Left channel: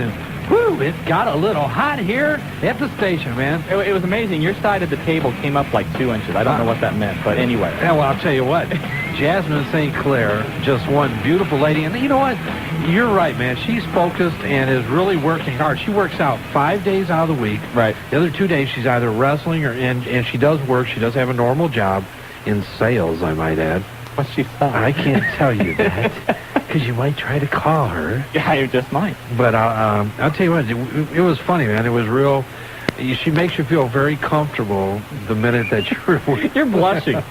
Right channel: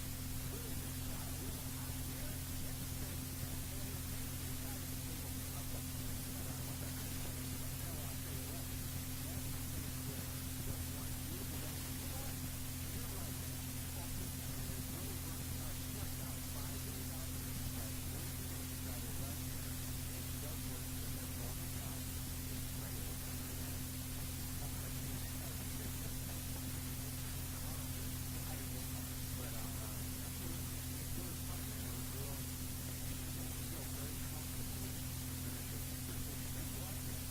And, whoo, it got a little hot here at the station, man. It was amazing. Your side of the table came up like 2 inches. I don't know what that meant, but anyway. Yeah, well, I'll tell you what. Jasmine St. Clair, just one beautiful lady. And you know what? You're right, man. She's focused and is really working hard. She works out 5 days out of the week. Right. The other 2 days, she's either wrestling or and she does work. She does have a normal job in sales, I might add. What's she selling? I can't tell you that because you might try to call her. Yeah, you just might. But I'll tell you what, it was funny, man. It was real. She makes you feel very comfortable the minute that you're You're blushing.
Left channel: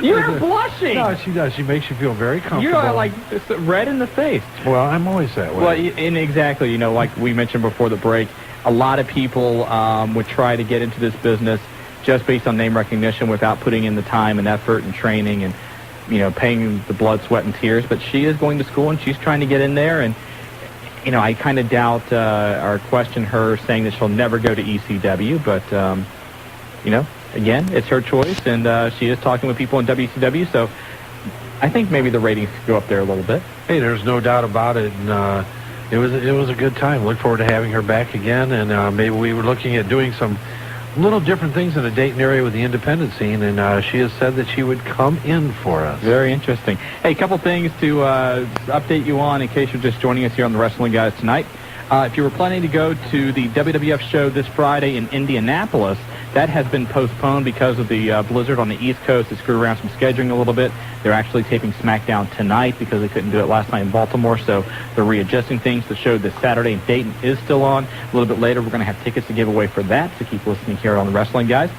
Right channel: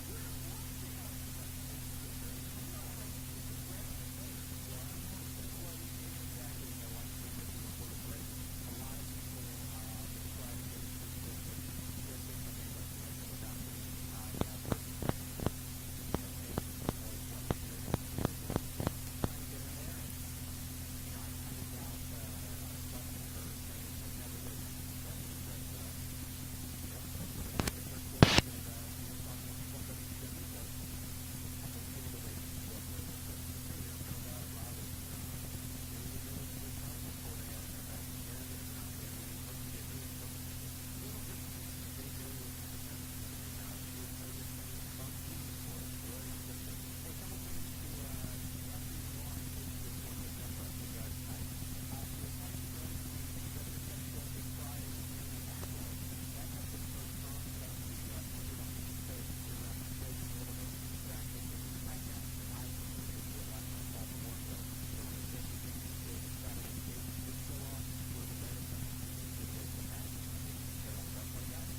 You're blushing. No, she does. She makes you feel very comfortable. You're like red in the face. Well, I'm always that way. Well, and exactly, you know, like we mentioned before the break, a lot of people would try to get into this business just based on name recognition without putting in the time and effort and training and, you know, paying the blood, sweat, and tears. But she is going to school, and she's trying to get in there. And, you know, I kind of doubt or question her saying that she'll never go to ECW. But, you know, again, it's her choice, and she is talking with people in WCW. So I think maybe the ratings could go up there a little bit. Hey, there's no doubt about it. And it was a good time. Look forward to having her back again. And maybe we were looking at doing some little different things in the Dayton area with the independent scene, and she has said that she would come in for us. Very interesting. Hey, a couple things to update you on in case you're just joining us here on the Wrestling Guys tonight. If you were planning to go to the WWF show this Friday in Indianapolis, that has been postponed because of the blizzard on the East Coast. It screwed around some scheduling a little bit. They're actually taping SmackDown tonight because they couldn't do it last night in Baltimore, so they're readjusting things. The show this Saturday in Dayton is still on. A little bit later, we're going to have tickets to give away for that, so keep listening here on the Wrestling Guys.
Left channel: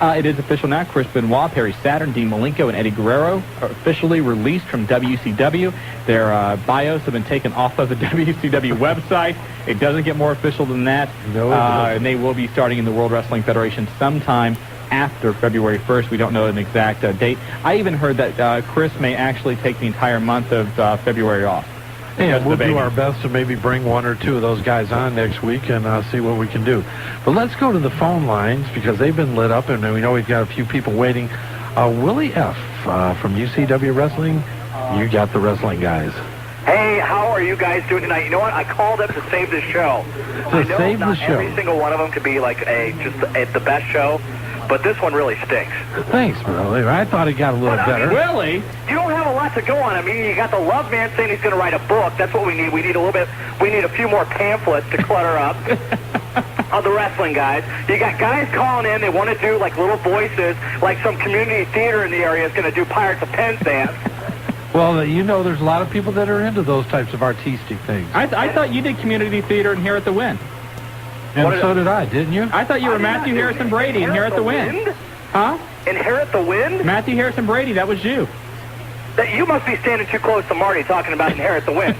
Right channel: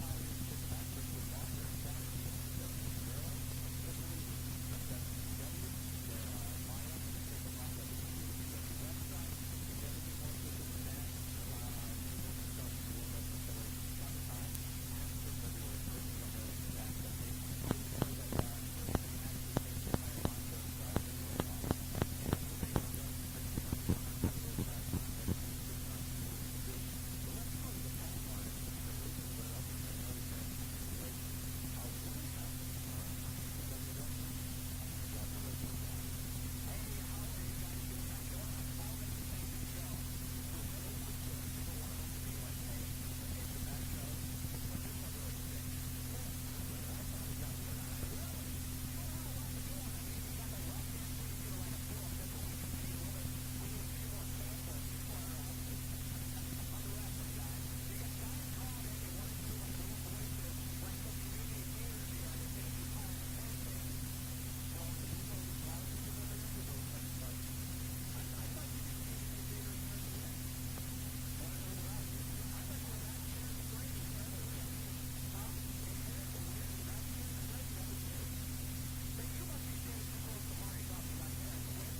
It is official now. Chris Benoit, Perry Saturn, Dean Malenko, and Eddie Guerrero are officially released from WCW. Their bios have been taken off of the WCW website. It doesn't get more official than that. No, and they will be starting in the World Wrestling Federation sometime after February 1st. We don't know an exact date. I even heard that Chris may actually take the entire month of February off. And we'll do our best to maybe bring one or two of those guys on next week and see what we can do. But let's go to the phone lines because they've been lit up, and we know we've got a few people waiting. Willie F. From UCW Wrestling, you got the Wrestling Guys. Hey, how are you guys doing tonight? You know what? I called up to save the show. I know not every single one of them could be like the best show, but this one really stinks. Thanks, Willie. I thought it got a little better. Willie? You don't have a lot to go on. I mean, you got the Love Man saying he's going to write a book. That's what we need. We need a little bit. We need a few more pamphlets to clutter up of the Wrestling Guys. You got guys calling in. They want to do like little voices, like some community theater in the area is going to do Pirates of Penzance. Well, you know, there's a lot of people that are into those types of artistic things. I thought you did community theater in Here at the Win. And so did I, didn't you? I thought you were Matthew Harrison Brady in Here at the Win. Huh? Inherit the Wind? Matthew Harrison Brady, that was you. You must be standing too close to Marty talking about Inherit the Wind.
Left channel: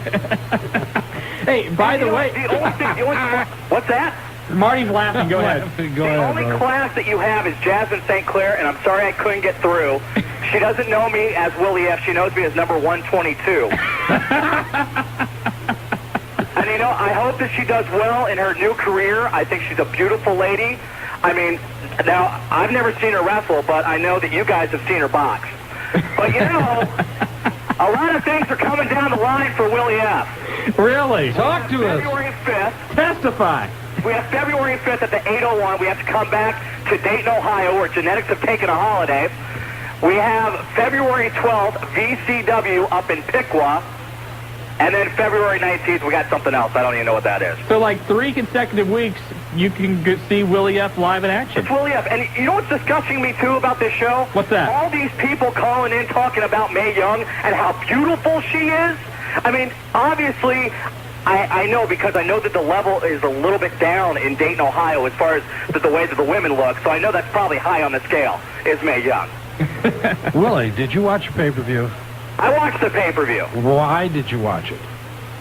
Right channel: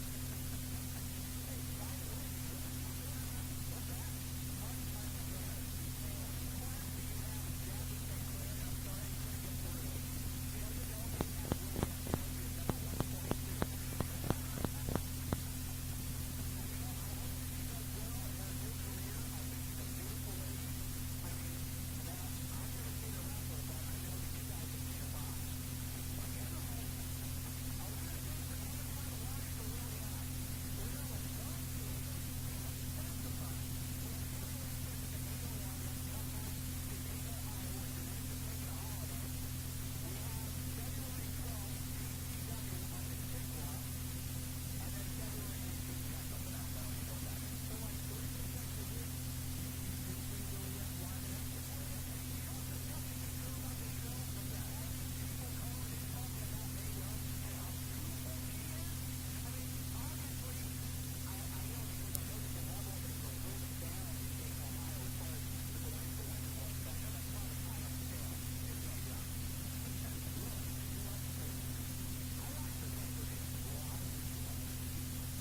Hey, by the way... What's that? Marty's laughing. Go ahead. The only class that you have is Jasmine St. Clair, and I'm sorry I couldn't get through. She doesn't know me as Willie F. She knows me as number 122. And, you know, I hope that she does well in her new career. I think she's a beautiful lady. I mean, now, I've never seen her wrestle, but I know that you guys have seen her box. But, you know, a lot of things are coming down the line for Willie F. Really? Talk to us. February 5th. Testify. We have February 5th at the 801. We have to come back to Dayton, Ohio, where genetics have taken a holiday. We have February 12th, VCW up in Piqua. And then February 19th, we got something else. I don't even know what that is. So, like 3 consecutive weeks, you can see Willie F. live in action. It's Willie F. And you know what's disgusting me, too, about this show? What's that? All these people calling in talking about Mae Young and how beautiful she is. I mean, obviously... I know because I know that the level is a little bit down in Dayton, Ohio as far as the way that the women look. So I know that's probably high on the scale, is Mae Young. Willie, did you watch the pay-per-view? I watched the pay-per-view. Why did you watch it?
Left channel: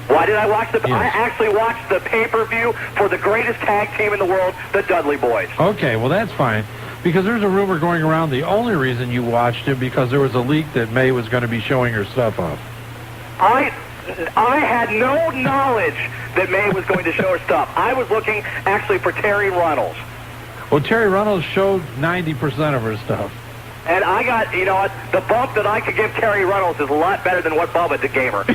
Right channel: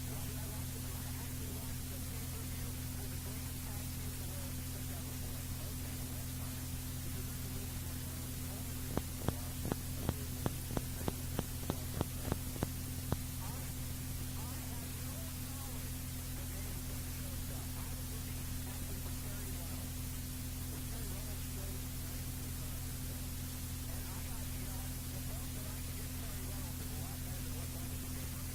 Why did I watch the... Yes. I actually watched the pay-per-view for the greatest tag team in the world, the Dudley Boys. Okay, well, that's fine. Because there's a rumor going around the only reason you watched it because there was a leak that Mae was going to be showing her stuff off. I had no knowledge that Mae was going to show her stuff. I was looking actually for Terry Runnels. Well, Terry Runnels showed 90% of her stuff. And I got, you know, the bump that I could give Terry Runnels is a lot better than what Bubba gave her.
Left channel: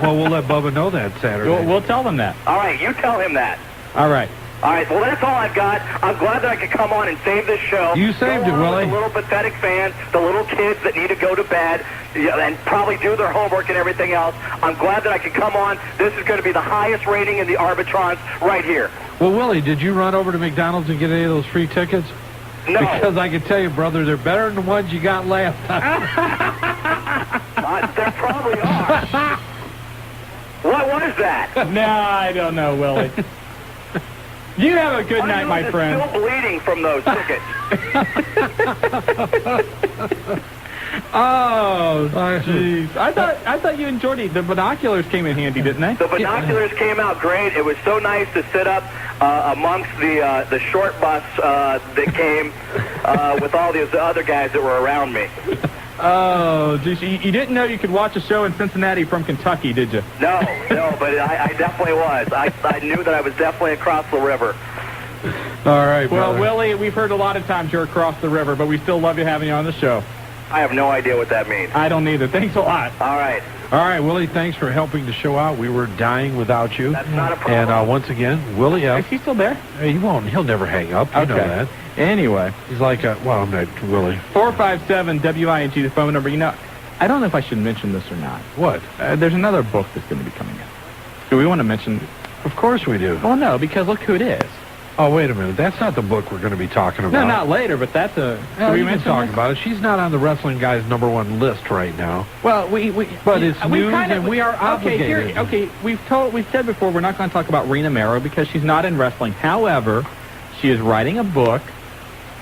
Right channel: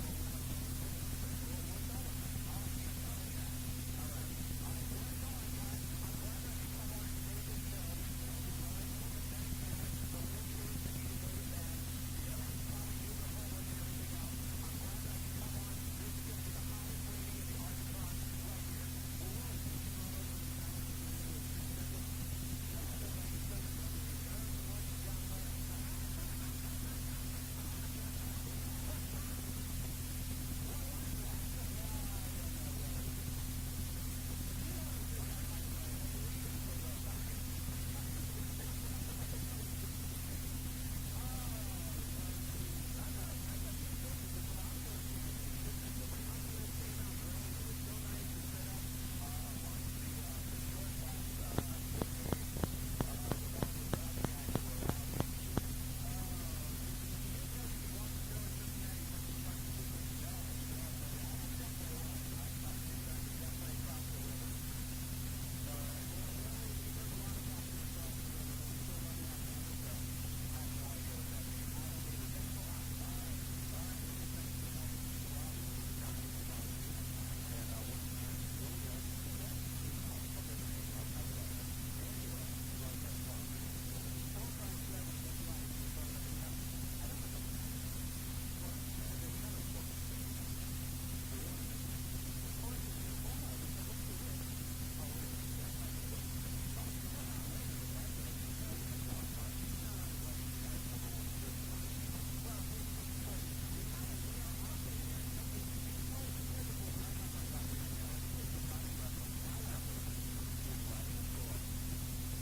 Well, we'll let Bubba know that Saturday. We'll tell them that. All right, you tell him that. All right. All right, well, that's all I've got. I'm glad that I could come on and save this show. You saved it, Willie. The little pathetic fans, the little kids that need to go to bed and probably do their homework and everything else. I'm glad that I could come on. This is going to be the highest rating in the Arbitrons right here. Well, Willie, did you run over to McDonald's and get any of those free tickets? No. Because I can tell you, brother, they're better than the ones you got last time. There probably are. What was that? No, I don't know, Willie. You have a good night, my friend. I'm still bleeding from those tickets. Oh, jeez. I thought you enjoyed it. The binoculars came in handy, didn't they? The binoculars came out great. It was so nice to sit up amongst the short bus that came with all these other guys that were around me. Oh, geez. You didn't know you could watch a show in Cincinnati from Kentucky, did you? No, but I definitely was. I knew that I was definitely across the river. All right, well, brother. Willie, we've heard a lot of times you're across the river, but we still love you having you on the show. I have no idea what that means. I don't either. Thanks a lot. All right. All right, Willie, thanks for helping the show out. We were dying without you. That's not a problem. And once again, Willie F. Is he still there? He won't. He'll never hang up. You know that. Anyway. He's like, well, I'm not Willie. 457-WING, the phone number. You know, I don't know if I should mention this or not. What? There's another book that's going to be coming out. Do we want to mention? Of course we do. Well, no, because look who it is. Oh, wait a minute. That's not the book we're going to be talking about. No, not later, but that's a... No, we can talk about it. She's not on the wrestling guy's #1 list right now. Well, but it's news, and we are obligated. Okay, we've said before we're not going to talk about Rena Mero because she's not in wrestling. However, she is writing a book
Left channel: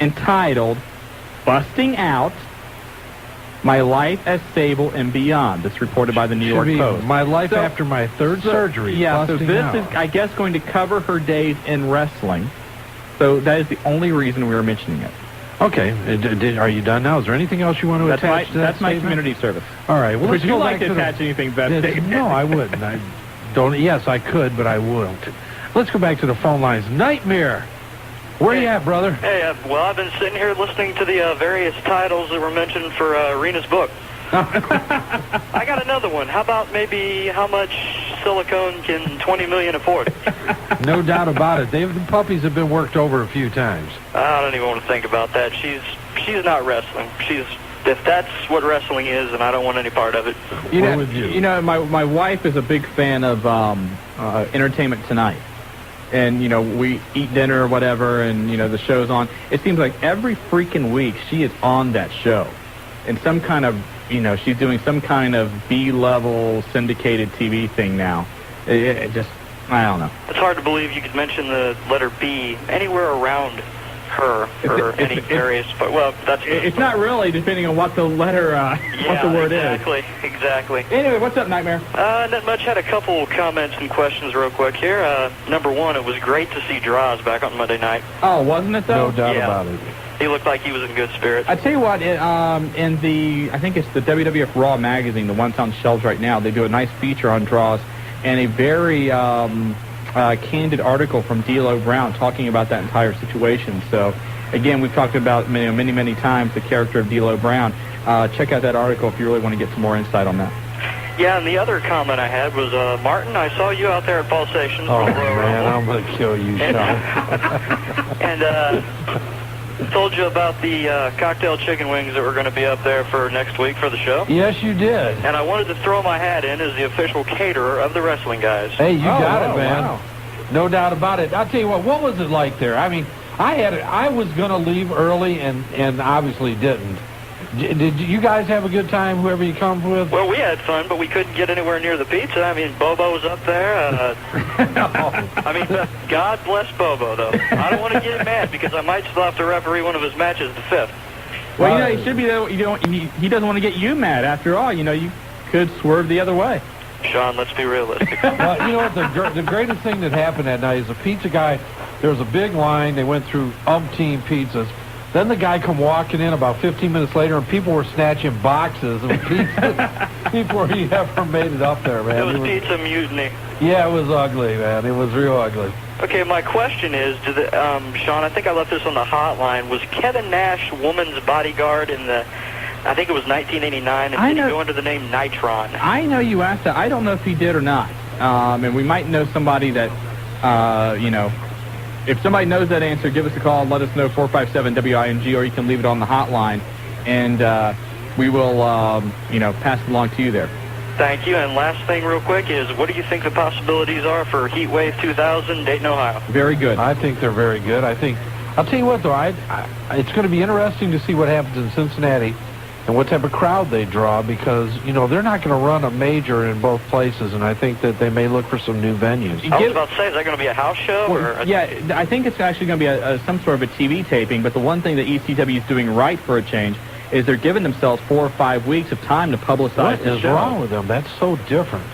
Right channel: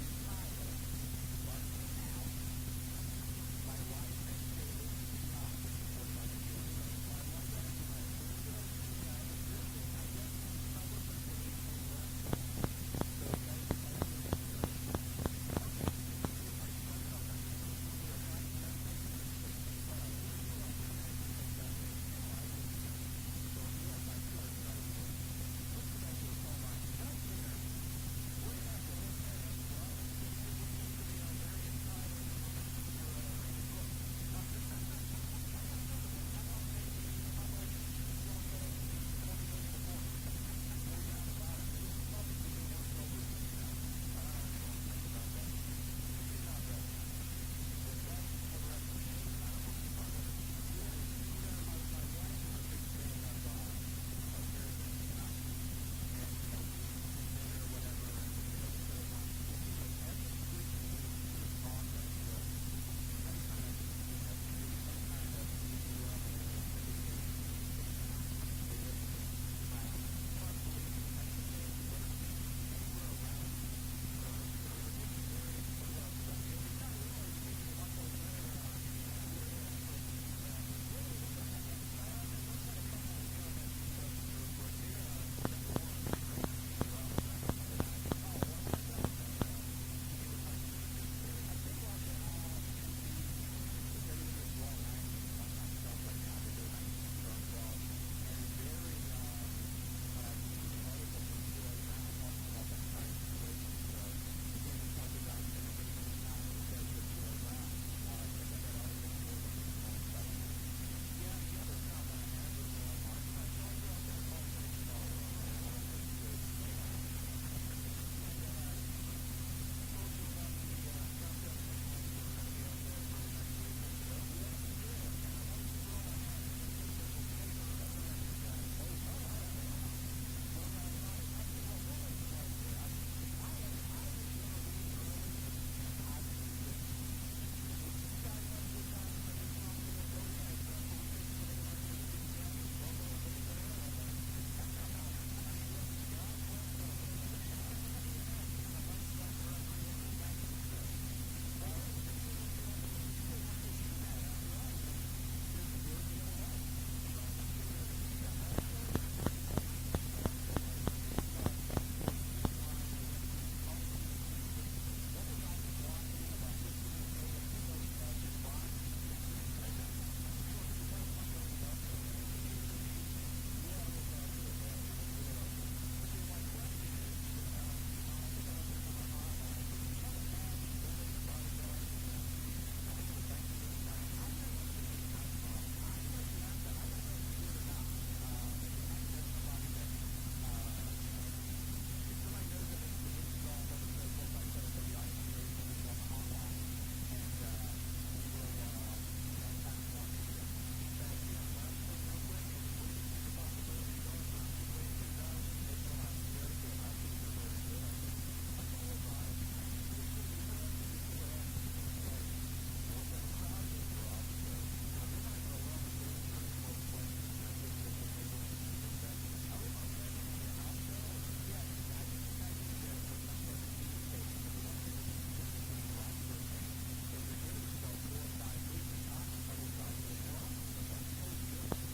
entitled "Busting Out: My Life as Sable and Beyond." That's reported by the New York Post. My life after my third surgery. Yeah, so this out. is, I guess, going to cover her days in wrestling. So that is the only reason we were mentioning it. Okay. Are you done now? Is there anything else you want to attach to that That's my statement? community service. All right. Well, Would you like to to attach anything to that statement? No, I wouldn't. I don't. Yes, I could, but I won't. Let's go back to the phone lines. Nightmare. Where you at, brother? Hey, well, I've been sitting here listening to the various titles that were mentioned for Rena's book. I got another one. How about maybe how much silicone can 20 million afford? No doubt about it. The puppies have been worked over a few times. I don't even want to think about that. She's not wrestling. If that's what wrestling is, and I don't want any part of it. You know, my wife is a big fan of Entertainment Tonight. And, you know, we eat dinner or whatever, and, you know, the show's on. It seems like every freaking week she is on that show. And some kind of, you know, she's doing some kind of B-level syndicated TV thing now. It just, I don't know. It's hard to believe you could mention the letter B anywhere around her or any various, but well, that's... It's not really, depending on what the letter, what the word is. Exactly. Anyway, what's up, Nightmare? Not much. Had a couple comments and questions real quick here. Number one, it was great to see Droz back on Monday night. Oh, wasn't it, though? No doubt about it. He looked like he was in good spirits. I tell you what, in the, I think it's the WWF Raw magazine, the one that's on shelves right now, they do a nice feature on Droz and a very candid article from D'Lo Brown talking about that entire situation. So, again, we've talked about many times the character of D'Lo Brown. Check out that article if you really want to get some more insight on that. Yeah, and the other comment I had was, Martin, I saw you out there at Pulsations. Oh, man, I'm going to kill you, Shawn. And told you about the cocktail chicken wings that were going to be up there for next week for the show. Yes, you did. And I wanted to throw my hat in as the official caterer of the wrestling guys. Hey, you got it, man. Wow. No doubt about it. I'll tell you what was it like there? I mean, I was going to leave early and obviously didn't. Did you guys have a good time, whoever you come with? Well, we had fun, but we couldn't get anywhere near the pizza. I mean, Bobo was up there. I mean, God bless Bobo, though. I don't want to get mad because I might still have to referee one of his matches the 5th. Well, you know, he should be there. He doesn't want to get you mad. After all, you know, you could swerve the other way. Shawn, let's be realistic. Well, you know what? The greatest thing that happened that night is the pizza guy, there was a big line. They went through umpteen pizzas. Then the guy come walking in about 15 minutes later, and people were snatching boxes of pizzas before he ever made it up there, man. It was pizza mutiny. Yeah, it was ugly, man. It was real ugly. Okay, my question is, Shawn, I think I left this on the hotline. Was Kevin Nash woman's bodyguard in the I think it was 1989, and did he go under the name Nitron? I know you asked that. I don't know if he did or not. And we might know somebody that, if somebody knows that answer, give us a call and let us know, 457-WING, or you can leave it on the hotline, and we will, pass it along to you there. Thank you. And last thing real quick is, what do you think the possibilities are for Heat Wave 2000, Dayton, Ohio? Very good. I think they're very good. I'll tell you what, though, it's going to be interesting to see what happens in Cincinnati and what type of crowd they draw, because, they're not going to run a major in both places, and I think that they may look for some new venues. I was about to say, is that going to be a house show? Yeah, I think it's actually going to be some sort of a TV taping, but the one thing that ECW is doing right for a change is they're giving themselves 4 or 5 weeks of time to publicize the show. What is wrong with them? That's so different.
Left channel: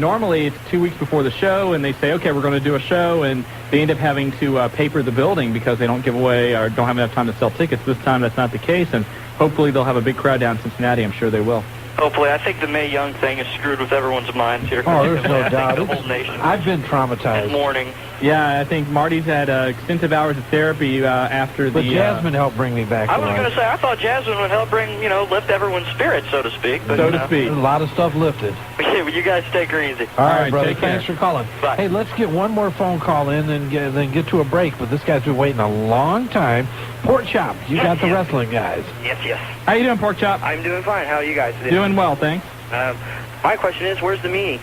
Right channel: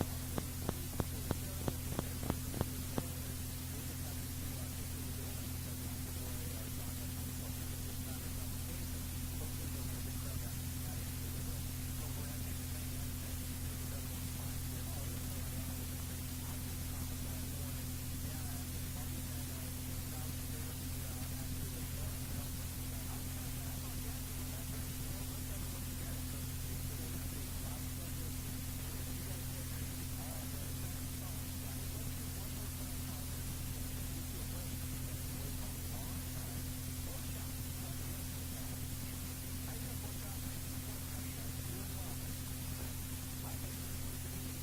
Normally it's 2 weeks before the show, and they say, okay, we're going to do a show, and they end up having to paper the building because they don't give away or don't have enough time to sell tickets. This time that's not the case, and hopefully they'll have a big crowd down in Cincinnati. I'm sure they will. Hopefully. I think the Mae Young thing is screwed with everyone's minds here. Oh, there's no doubt. The whole nation. I've been traumatized. This morning. Yeah, I think Marty's had extensive hours of therapy after but the... Jasmine helped bring me back to life. I was going to say, I thought Jasmine would help bring, lift everyone's spirits, so to speak. But, so to speak. A lot of stuff lifted. Okay, well, you guys take her easy. All right, brother. Take care. Thanks for calling. Bye. Hey, let's get one more phone call in and then get to a break. But this guy's been waiting a long time. Pork Chop, you got the wrestling guys. Yes. How you doing, Pork Chop? I'm doing fine. How are you guys doing? Doing well, thanks. My question is, where's the meanie?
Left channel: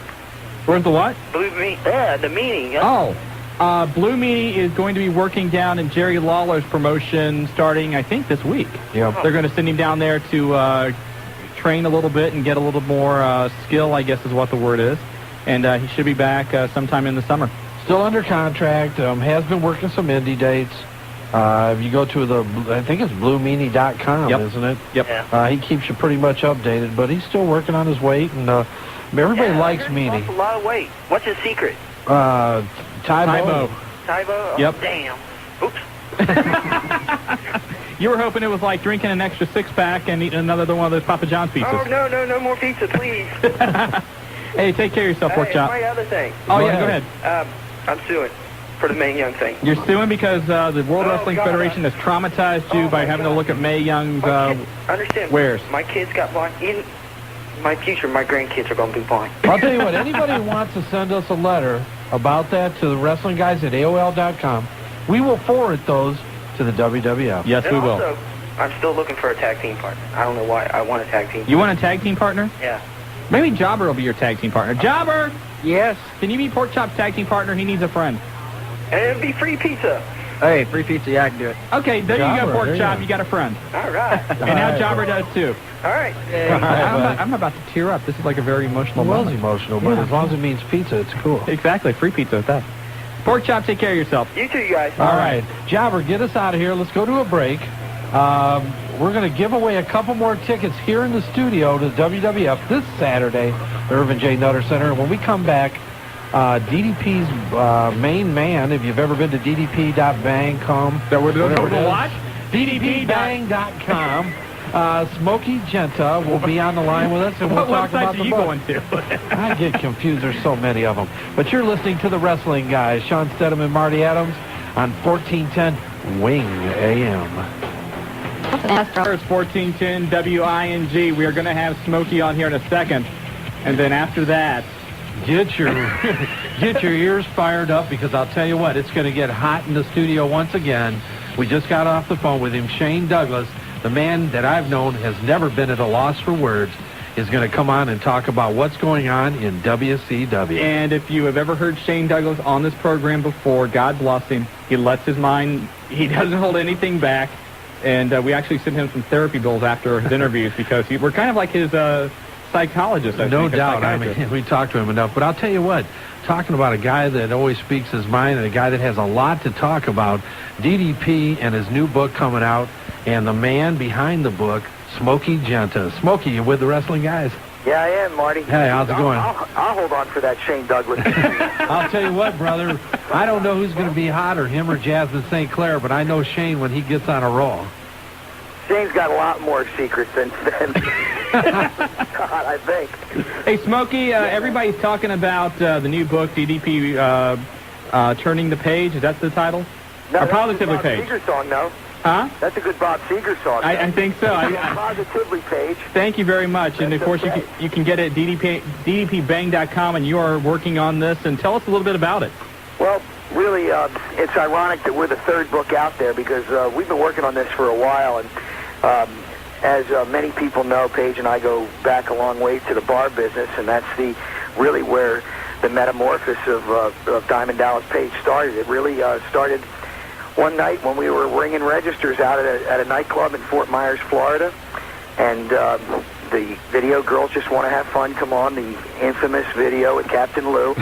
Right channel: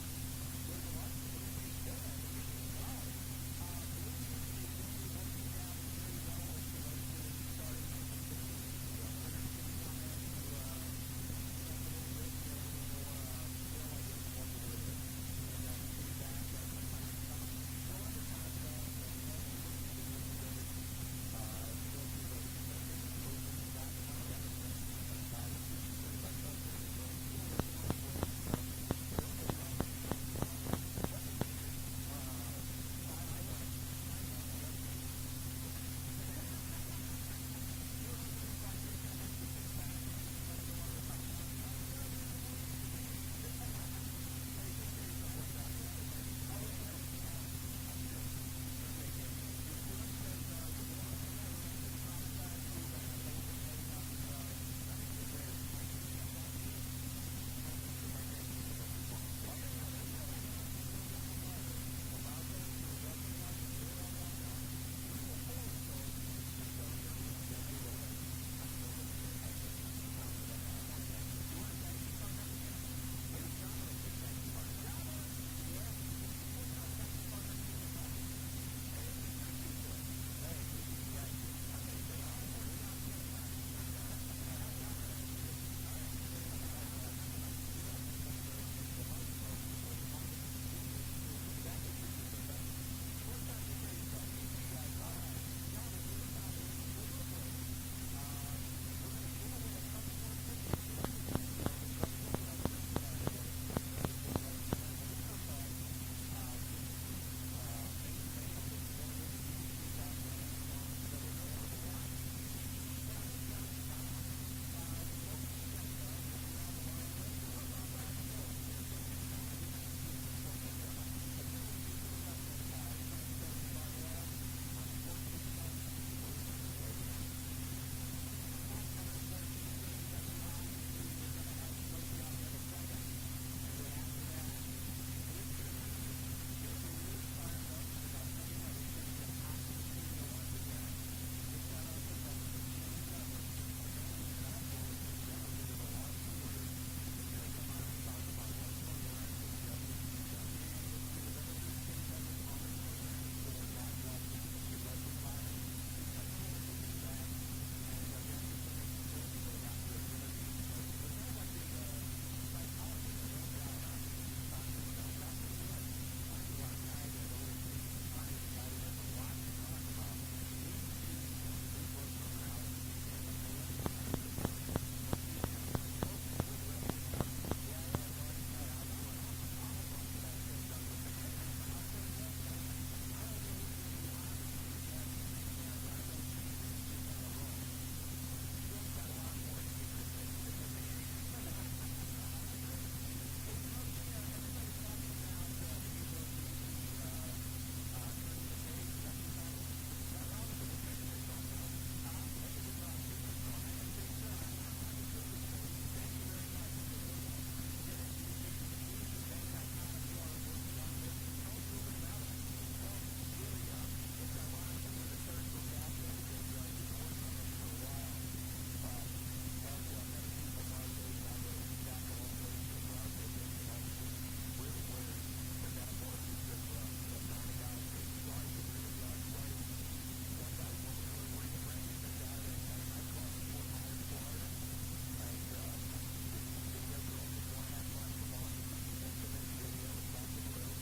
Where's the what? Blue meanie. Yeah, the meanie. Yeah. Oh, Blue Meanie is going to be working down in Jerry Lawler's promotion starting, I think, this week. Yep. They're going to send him down there to train a little bit and get a little more skill, I guess is what the word is. And he should be back sometime in the summer. Still under contract. Has been working some indie dates. If you go to I think it's bluemeanie.com, Yep. isn't it? Yep. Yeah. He keeps you pretty much updated, but he's still working on his weight, and everybody likes Meanie. He lost a lot of weight. What's his secret? Tybo. Tybo? Oh, Yep. Damn. Oops. You were hoping it was like drinking an extra six-pack and eating another one of those Papa John's pizzas. Oh, no more pizza, please. Hey, take care of yourself, Pork Chop. My other thing. Oh, yeah, go ahead. I'm suing for the Mae Young thing. You're suing because the World Wrestling God. Federation has traumatized you by having to look at Mae Young's understand. wares. My kids got blind. In my future, my grandkids are going to be blind. I'll tell you what, anybody who wants to send us a letter about that to the wrestling guys at AOL.com, we will forward those to the WWF. Yes, And we will. also, I'm still looking for a tag team partner. I don't know why I want a tag team. You want a tag team partner? Yeah. Maybe Jobber will be your tag team partner. Jobber! Yes. Can you be Pork Chop's tag team partner? He needs a friend. And it'll be free pizza. Hey, free pizza, yeah, I can do it. Okay, there you Jobber, go, Pork there you Chop. go. You got a friend. All right. And now Jobber does, too. All right. I'm about to tear up. This is like a very emotional It was moment. emotional, but as long as it means pizza, it's cool. Exactly. Free pizza with that. Pork Chop, take care of yourself. You too, you guys. All right. Jobber, get us out of here. Let's go to a break. We're going to give away a couple more tickets here in the studio to WWF this Saturday, the Irvin J. Nutter Center. And when we come back, DDP's main man, if you've ever been to ddp.bang.com. That we're doing whatever it is, what? ddpbang.com. Smokey Genta will be on the line with us, and we'll What talk website about do the you book. go into? I get confused. There's so many of them. But you're listening to the Wrestling Guys, Shawn Stedham and Marty Adams on 1410 Wing AM. It's 1410 WING. We are going to have Smokey on here in a second. And then after that, Get your ears fired up, because I'll tell you what, it's going to get hot in the studio once again. We just got off the phone with him. Shane Douglas, the man that I've known has never been at a loss for words, is going to come on and talk about what's going on in WCW. and if you have ever heard Shane Douglas on this program before, God bless him. He lets his mind, he doesn't hold anything back. And we actually sent him some therapy bills after his interviews because we're kind of like his psychologist, I No think, a doubt. I psychiatrist. mean, we talked to him enough. But I'll tell you what, talking about a guy that always speaks his mind and a guy that has a lot to talk about, DDP and his new book coming out, and the man behind the book, Smokey Genta. Smokey, you with the Wrestling Guys? Yeah, I am, Marty. Hey, how's it going? I'll hold on for that Shane Douglas. I'll tell you what, brother, I don't know who's going to be hotter, him or Jasmine St. Clair, but I know Shane when he gets on a roll. Shane's got a lot more secrets than I think. Hey, Smokey, everybody's talking about the new book, DDP Turning the Page. Is that the title? No, Or Positively Page? Secret song, no. Huh? That's a good Bob Seger song. I think so. Positively, Paige. Thank you very much. And, of course, okay. you can get it at ddpbang.com, and you are working on this. And tell us a little bit about it. Well, really, it's ironic that we're the third book out there because we've been working on this for a while. And as many people know, Paige and I go back a long way to the bar business, and that's really where the metamorphosis of Diamond Dallas Page started. It really started one night when we were ringing registers out at a nightclub in Fort Myers, Florida, and the video Girls Just Want to Have Fun come on, the infamous video with Captain Lou,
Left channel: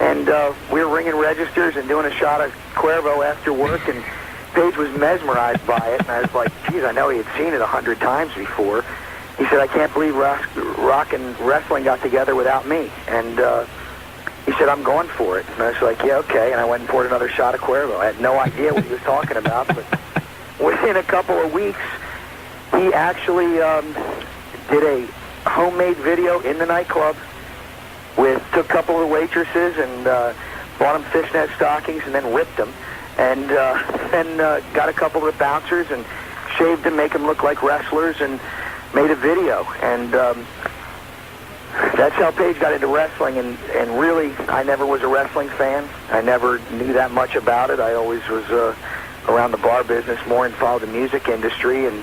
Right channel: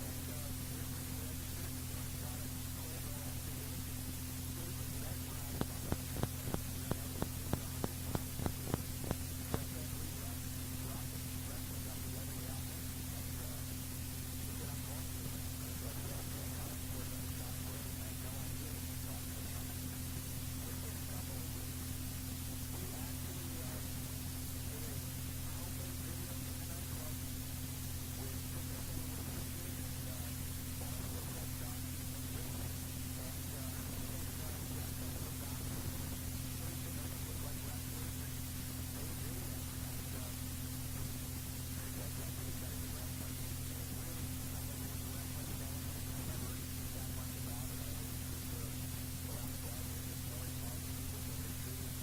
and we were ringing registers and doing a shot of Cuervo after work, and Page was mesmerized by it, and I was like, geez, I know he had seen it 100 times before. He said, I can't believe rock and wrestling got together without me, and he said, I'm going for it. And I was like, yeah, okay. And I went and poured another shot of Cuervo. I had no idea what he was talking about. But within a couple of weeks, he actually did a homemade video in the nightclub. Took a couple of waitresses and bought them fishnet stockings and then ripped them. And then got a couple of the bouncers and shaved them, make them look like wrestlers, and made a video. And that's how Page got into wrestling, and really, I never was a wrestling fan. I never knew that much about it. I always was around the bar business more and followed the music industry, and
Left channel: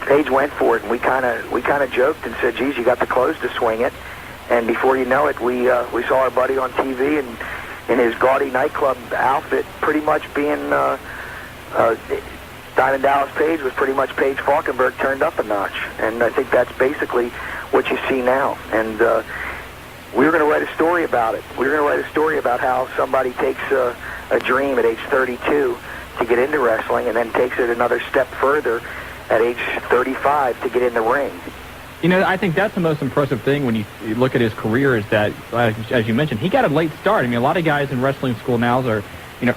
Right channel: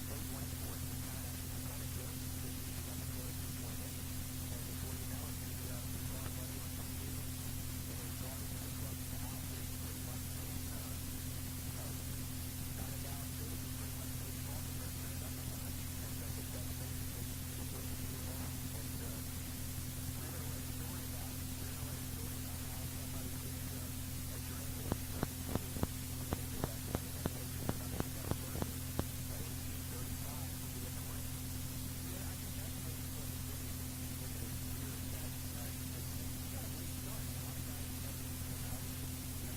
Page went for it, and we kind of joked and said, geez, you got the clothes to swing it. And before you know it, we saw our buddy on TV and in his gaudy nightclub outfit, pretty much being Diamond Dallas Page was pretty much Paige Falkenberg turned up a notch, and I think that's basically what you see now. And we were going to write a story about it. We were going to write a story about how somebody takes a dream at age 32 to get into wrestling and then takes it another step further at age 35 to get in the ring. You know, I think that's the most impressive thing when you look at his career is that, as you mentioned, he got a late start. I mean, a lot of guys in wrestling school now are,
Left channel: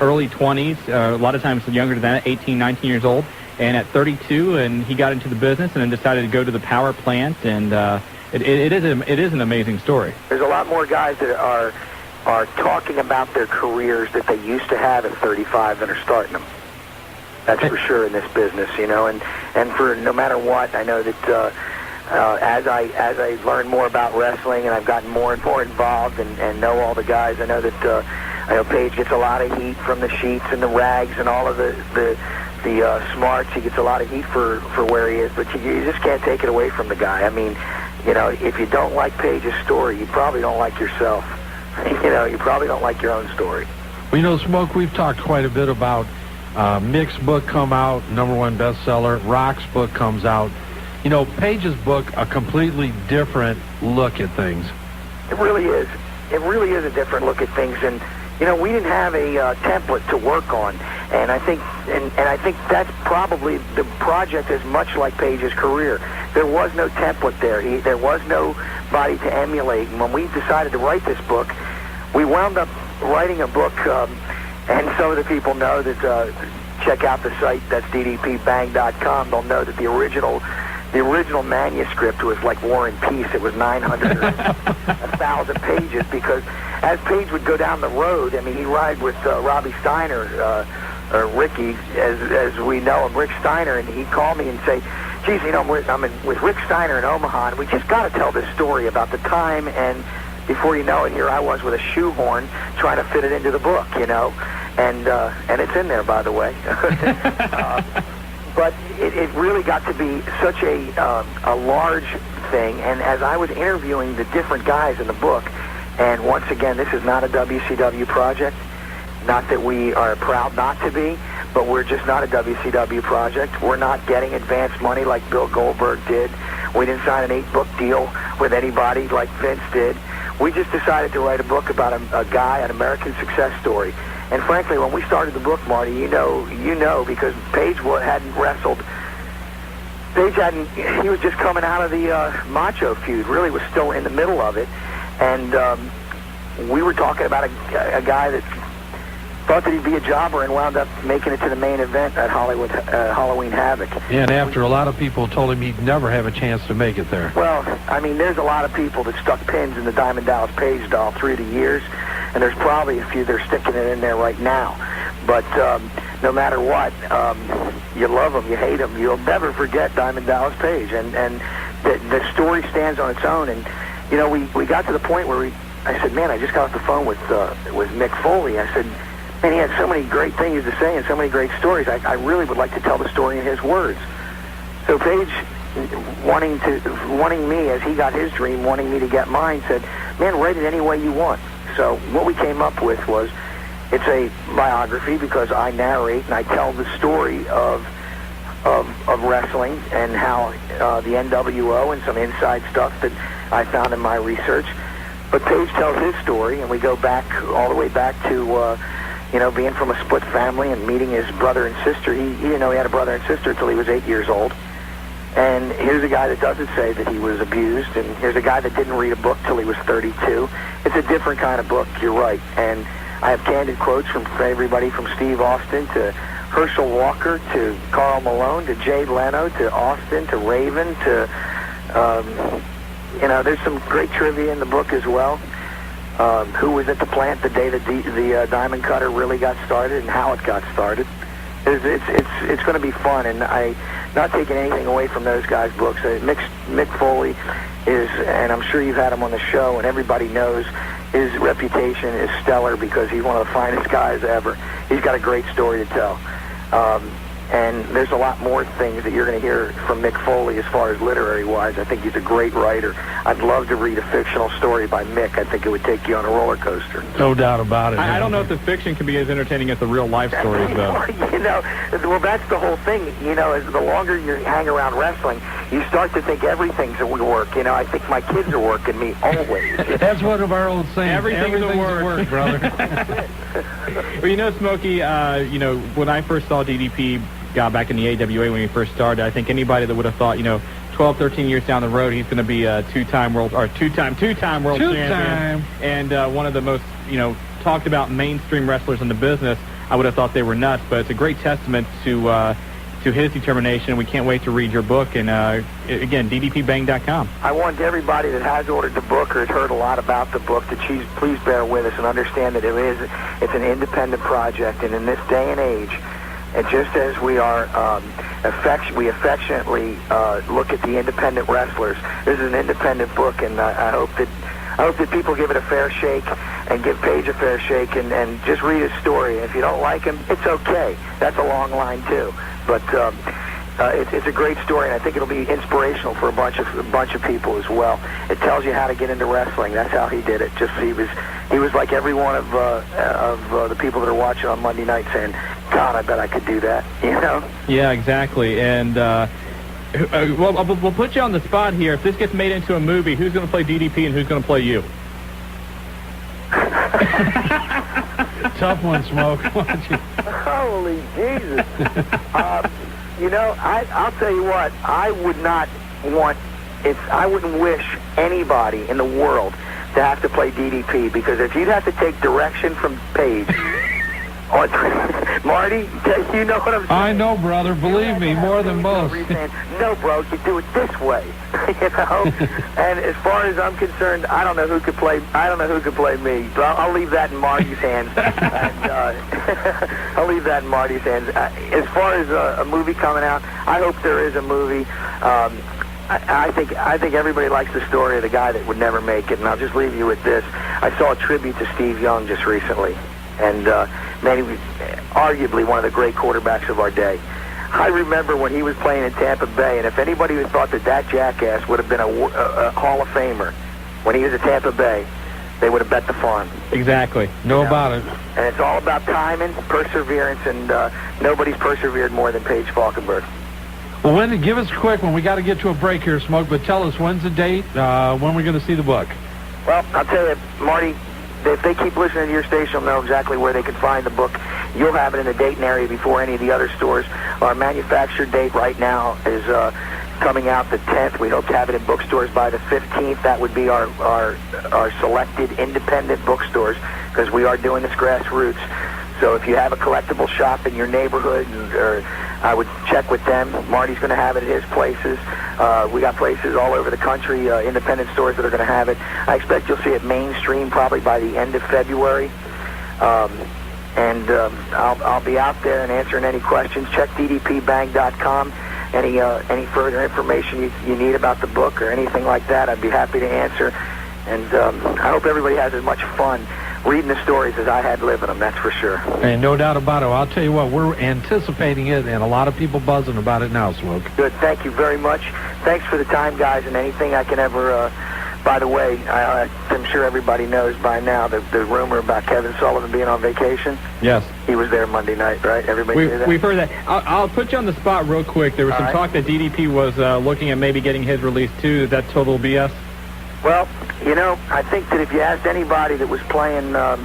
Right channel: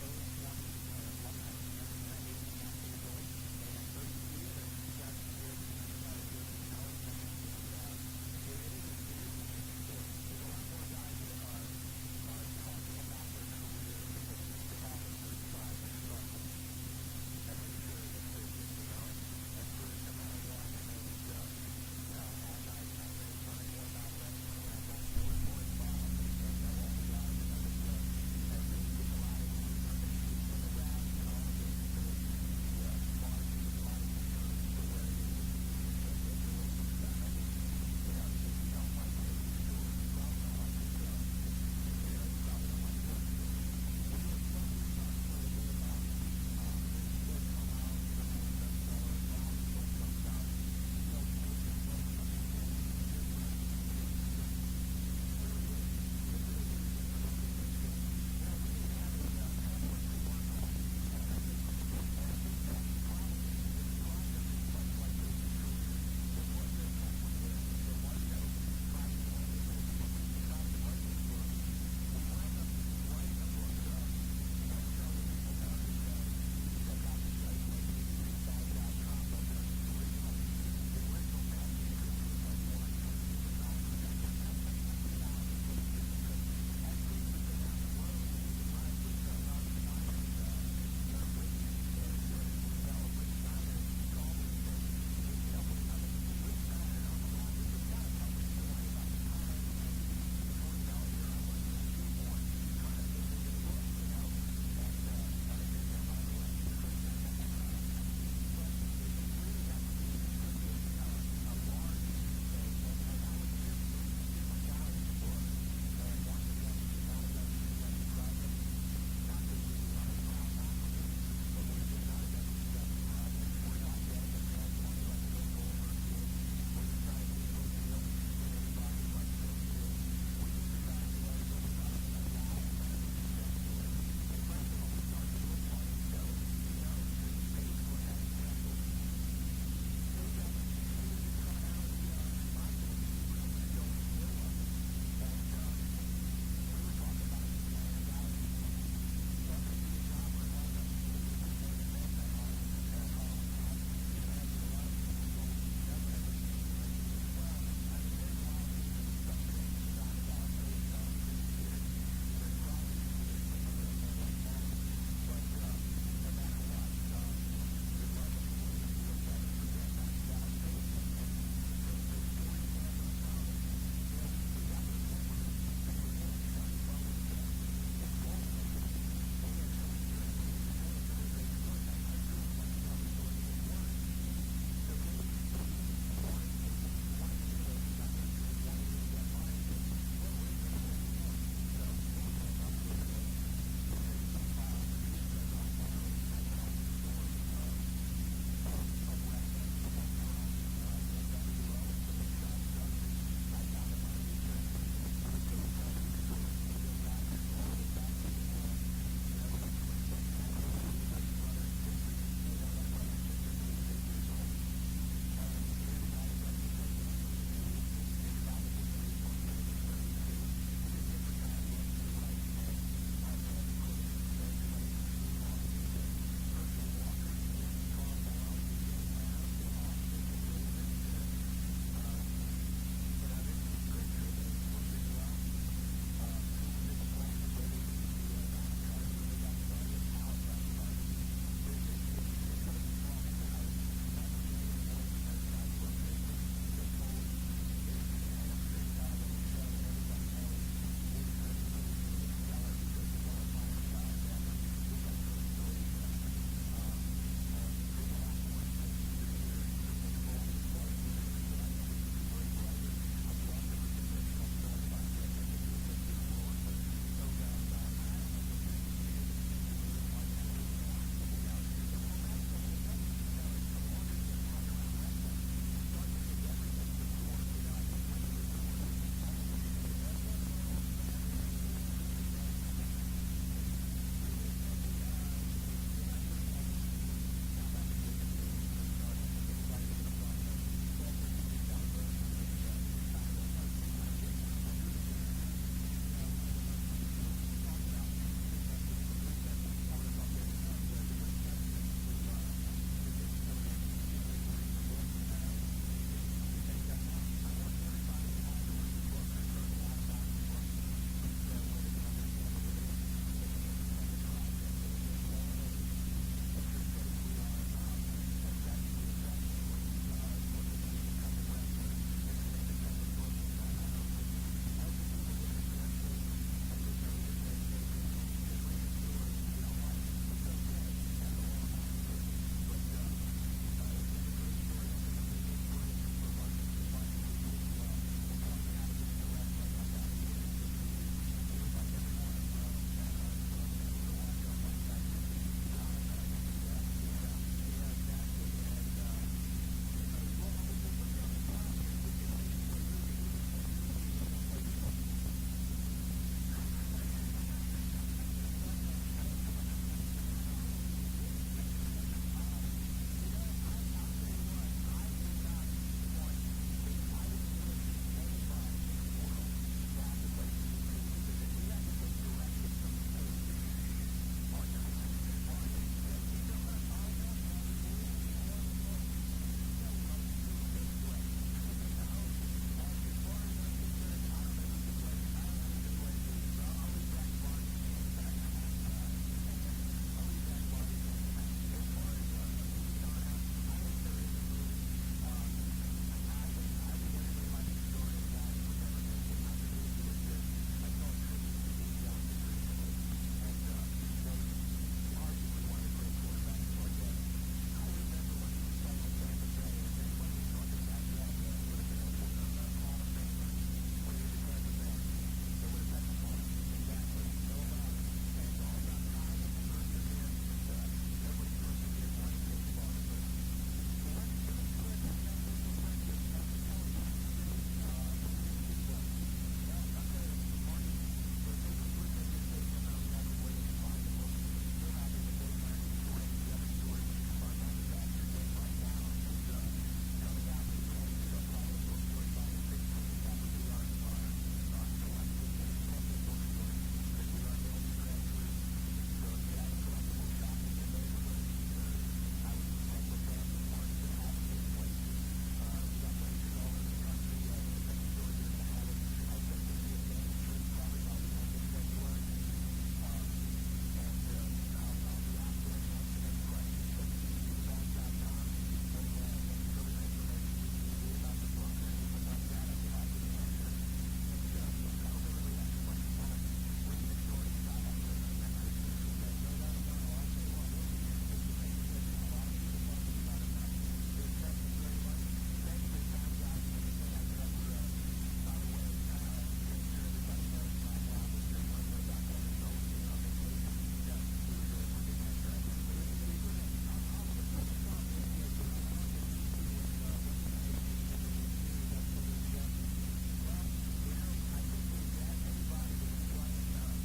early 20s, a lot of times younger than that, 18, 19 years old. And at 32, and he got into the business and then decided to go to the power plant, and it is an amazing story. There's a lot more guys that are talking about their careers that they used to have at 35 than are starting them. That's for sure in this business, and for no matter what, I know that as I learn more about wrestling and I've gotten more and more involved and know all the guys, I know that I know Page gets a lot of heat from the sheets and the rags and all of the smarts. He gets a lot of heat for where he is, but you just can't take it away from the guy. I mean, if you don't like Page's story, you probably don't like yourself. You probably don't like your own story. Well, Smoke, we've talked quite a bit about Mick's book come out, #1 bestseller. Rock's book comes out. Page's book, a completely different look at things. It really is. It really is a different look at things, and we didn't have a template to work on, and I think that's probably the project is much like Page's career. There was no template there. There was nobody to emulate, and when we decided to write this book, we wound up writing a book, and some of the people know that check out the site, that's ddpbang.com. They'll know that the original manuscript was like War and Peace. It was 900 or 1,000 pages, because as Page would go down the road, I mean, he'd ride with Robbie Steiner, or Ricky, as we know him, Rick Steiner, and he'd call me and say, geez, I'm with Rick Steiner in Omaha, and we just got to tell this story about the time, and before you know it, here I was with a shoehorn trying to fit it into the book, and it's in there, by the way. But it really got to be such a large thing, and as I was interviewing the different guys in the book, and once again, this is not a WCW project, not that we are proud not to be, but we're just not a WCW project. We're not getting advance money like Bill Goldberg did. We didn't sign an 8-book deal with anybody like Vince did. We just decided to write a book about a guy, an American success story. And frankly, when we started the book, Marty, you know, because Page hadn't wrestled. He was just coming out of the Macho feud, really was still in the middle of it. And we were talking about a guy that thought that he'd be a jobber and wound up making it to the main event at Halloween Havoc. Yeah, and after a lot of people told him he'd never have a chance to make it there. Well, I mean, there's a lot of people that stuck pins in the Diamond Dallas Page doll through the years, and there's probably a few that are sticking it in there right now. But no matter what, you love him, you hate him, you'll never forget Diamond Dallas Page. And the story stands on its own. And, you know, we got to the point where I said, man, I just got off the phone with Mick Foley. I said, man, he had so many great things to say and so many great stories. I really would like to tell the story in his words. So Page, wanting me, as he got his dream, wanting me to get mine, said, man, write it any way you want. So what we came up with was, it's a biography because I narrate and I tell the story of wrestling and how the NWO and some inside stuff that I found in my research. But Page tells his story, and we go back all the way back to you know, being from a split family and meeting his brother and sister. He didn't know he had a brother and sister until he was 8 years old. And here's a guy that doesn't say that he was abused, and here's a guy that didn't read a book till he was 32. It's a different kind of book, you're right. And I have candid quotes from everybody from Steve Austin to Herschel Walker to Carl Malone to Jay Leno to Austin to Raven to, you know, there's some great trivia in the book as well. Who was at the plant the day that the diamond cutter really got started and how it got started. It's going to be fun, and I not taking anything away from those guys' books. Mick Foley is, and I'm sure you've had him on the show, and everybody knows his reputation is stellar because he's one of the finest guys ever. He's got a great story to tell. And there's a lot more things that you're going to hear from Mick Foley as far as literary-wise. I think he's a great writer. I'd love to read a fictional story by Mick. I think it would take you on a roller coaster. No doubt about it. I don't know if the fiction can be as entertaining as the real-life stories, though. You know, well, that's the whole thing. You know, as the longer you hang around wrestling, you start to think everything's a work. You know, I think my kids are working me always. That's one of our old sayings. Everything's a work, brother. Well, you know, Smokey, you know, when I first saw DDP back in the AWA when he first started, I think anybody that would have thought, you know, 12, 13 years down the road, he's going to be a two-time world champion and one of the most, you know, talked about mainstream wrestlers in the business. I would have thought they were nuts, but it's a great testament to his determination. We can't wait to read your book. And again, ddpbang.com. I want everybody that has ordered the book or has heard a lot about the book to please bear with us and understand that it's an independent project, and in this day and age, and just as we are we affectionately look at the independent wrestlers, this is an independent book, and I hope that people give it a fair shake and give Page a fair shake and just read his story. If you don't like him, it's okay. That's a long line too, but it's a great story, and I think it'll be inspirational for a bunch of people as well. It tells you how to get into wrestling. That's how he did it. Just he was like every one of the people that are watching on Monday night saying, God, I bet I could do that, you know? Yeah, exactly. And we'll put you on the spot here. If this gets made into a movie, who's going to play DDP and who's going to play you? Tough one, Smoke. Holy Jesus. You know, I'll tell you what, I wouldn't wish anybody in the world to have to play DDP, because if you'd have to take direction from Page, Marty, you know what I'm saying? I know, brother. Believe me, more than most. No, bro, you do it this way, you know. And as far as I'm concerned, I don't know who could play me. But I'll leave that in Marty's hands. I'll leave that in Marty's hands. As far as a movie coming out, I hope there is a movie. I think everybody likes the story of the guy that would never make it, and I'll just leave you with this. I saw a tribute to Steve Young just recently, and man, he was arguably one of the great quarterbacks of our day. I remember when he was playing in Tampa Bay, and if anybody who thought that jackass would have been a Hall of Famer when he was at Tampa Bay, they would have bet the farm. Exactly. Know about it. And it's all about timing, perseverance, and nobody's persevered more than Paige Falkenberg. Well, give us quick when we got to get to a break here, Smoke, but tell us when's the date, when we're going to see the book. Well, I'll tell you, Marty, if they keep listening to your station, they'll know exactly where they can find the book. You'll have it in the Dayton area before any of the other stores. Our manufactured date right now is coming out the 10th. We hope to have it in bookstores by the 15th. That would be our selected independent bookstores, because we are doing this grassroots. So if you have a collectible shop in your neighborhood, or I would check with them. Marty's going to have it at his places. We got places all over the country, independent stores that are going to have it. I expect you'll see it mainstream probably by the end of February. and I'll be out there and answering any questions. Check ddpbang.com. Any further information you need about the book or anything like that, I'd be happy to answer. And I hope everybody has as much fun reading the stories as I had living them, that's for sure. And no doubt about it. I'll tell you what, we're anticipating it, and a lot of people buzzing about it now, Smoke. Good. Thank you very much. Thanks for the time, guys, and anything I can ever... by the way, I'm sure everybody knows by now the rumor about Kevin Sullivan being on vacation. Yes. He was there Monday night, right? Everybody hear that? We've heard that. I'll put you on the spot real quick. There was some talk that DDP was looking at maybe getting his release, too. Is that total BS? Well, you know, I think that if you asked anybody that was playing, I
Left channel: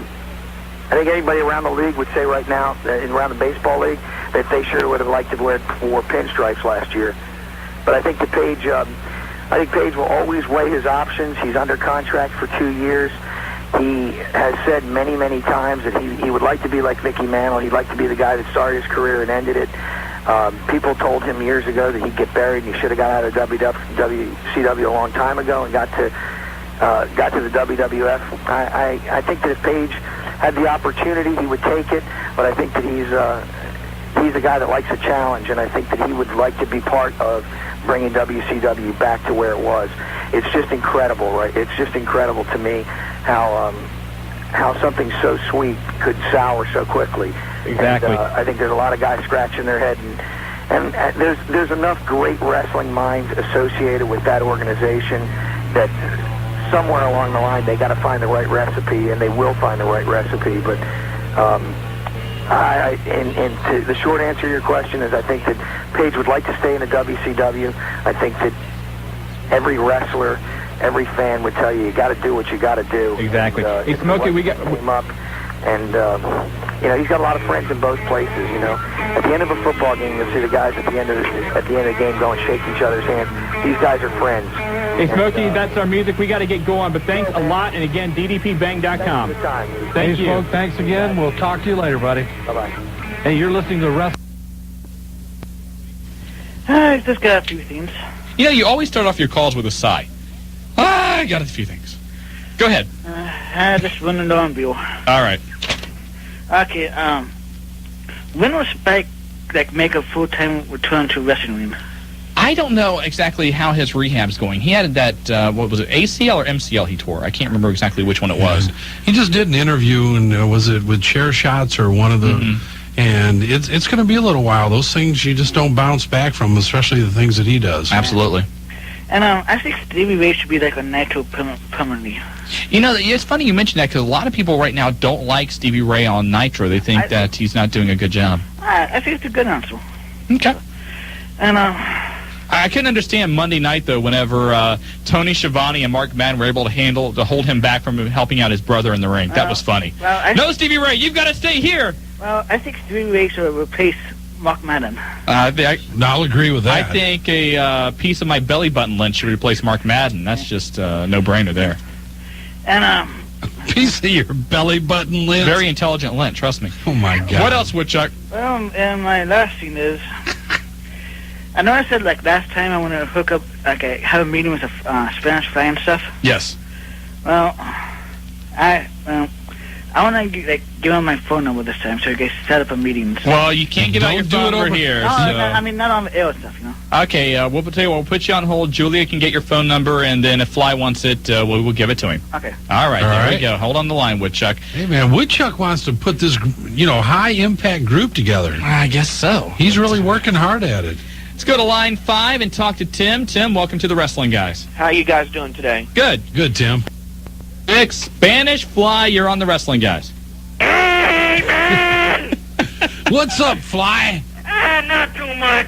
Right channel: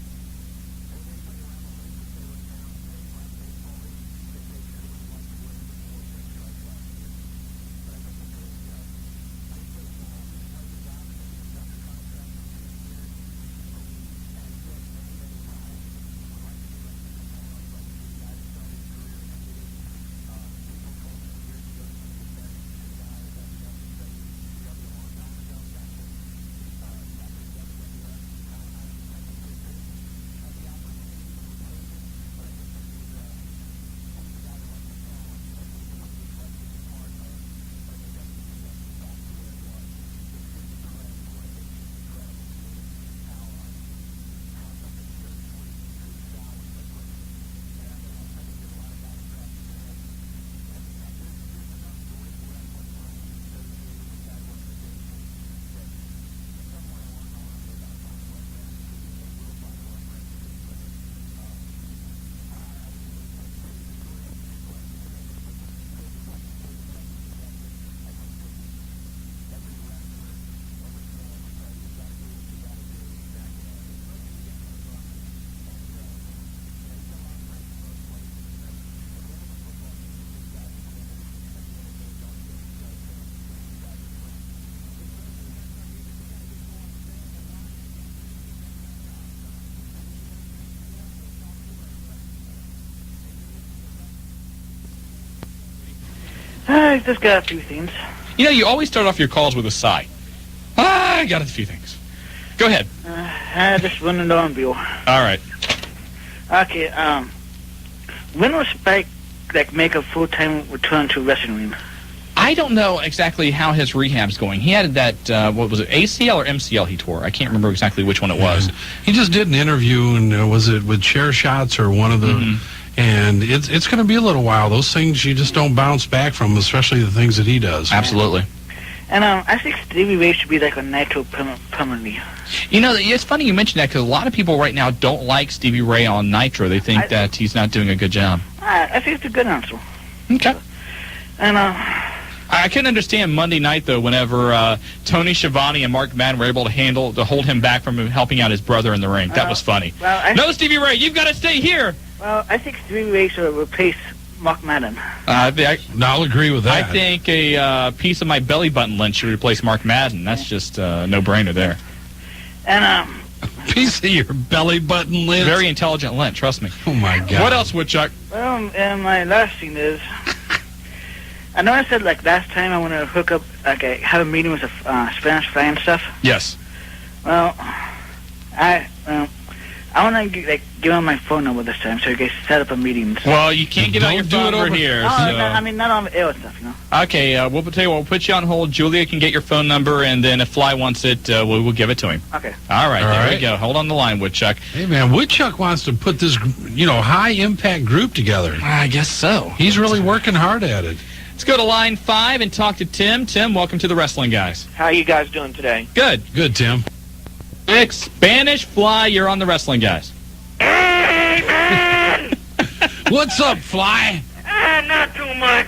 think anybody around the league would say right now, around the baseball league, that they sure would have liked to have wore pinstripes last year. But I think Page will always weigh his options. He's under contract for 2 years. He has said many, many times that he would like to be like Mickey Mantle. He'd like to be the guy that started his career and ended it. People told him years ago that he'd get buried and he should have got out of WCW a long time ago and got to the WWF. I think that if Page had the opportunity, he would take it. But I think that he's a guy that likes a challenge, and I think that he would like to be part of bringing WCW back to where it was. It's just incredible, right? It's just incredible to me how something so sweet could sour so quickly. Exactly. And, I think there's a lot of guys scratching their head, and there's enough great wrestling minds associated with that organization that somewhere along the line they got to find the right recipe, and they will find the right recipe. But the short answer to your question is I think that Page would like to stay in the WCW. I think that every wrestler, every fan would tell you got to do what you got to do. Exactly. Hey, Smokey, we got him up, and he's got a lot of friends in both places. You know, at the end of a football game, you'll see the guys at the end of the game go and shake each other's hands. These guys are friends. Hey, Smokey, that's our music. We got to get going, but thanks a lot. And again, ddpbang.com. Thanks for the time. Thank you. Smoke, thanks again. We'll talk to you later, buddy. Bye-bye. Hey, you're listening to Wrestling. I just got a few things. You know, you always start off your calls with a sigh. I got a few things. Go ahead. I just want to know on view. All right. Okay, when will Spike, make a full-time return to wrestling ring? I don't know exactly how his rehab's going. He had that, what was it, ACL or MCL he tore? I can't remember exactly which one it was. He just did an interview, and was it with Chair Shots or one of the... And it's going to be a little while. Those things, you just don't bounce back from, especially the things that he does. Absolutely. And I think Stevie Ray should be like a Nitro permanently. You know, it's funny you mention that because a lot of people right now don't like Stevie Ray on Nitro. They think that he's not doing a good job. I think it's a good answer. Okay. And I can understand Monday night, though, whenever Tony Schiavone and Mark Madden were able to hold him back from helping out his brother in the ring. That was funny. Well, no, Stevie Ray, you've got to stay here. Well, I think Stevie Ray should replace Mark Madden. I'll agree with that. I think a piece of my belly button lynch should replace Mark Madden. That's just a no-brainer there. And a piece of your belly button lynch? Very intelligent lynch, trust me. Oh, my God. What else, Woodchuck? Well, and my last thing is... I know I said, last time I want to hook up, have a meeting with a Spanish fly and stuff. Yes. Well, I want to, give him my phone number this time so I can set up a meeting. Well, you can't get on your phone over here. No, so. I mean, not on the air stuff, you know. Okay, we'll tell you what, we'll put you on hold. Julia can get your phone number, and then if Fly wants it, we'll give it to him. Okay. All right, there you go. Hold on the line, Woodchuck. Hey, man, Woodchuck wants to put this, high-impact group together. I guess so. He's really working hard at it. Let's go to line 5 and talk to Tim. Tim, welcome to the Wrestling Guys. How you guys doing today? Good. Good, Tim. It's Spanish Fly. You're on the Wrestling Guys. What's up, Fly? Not too much.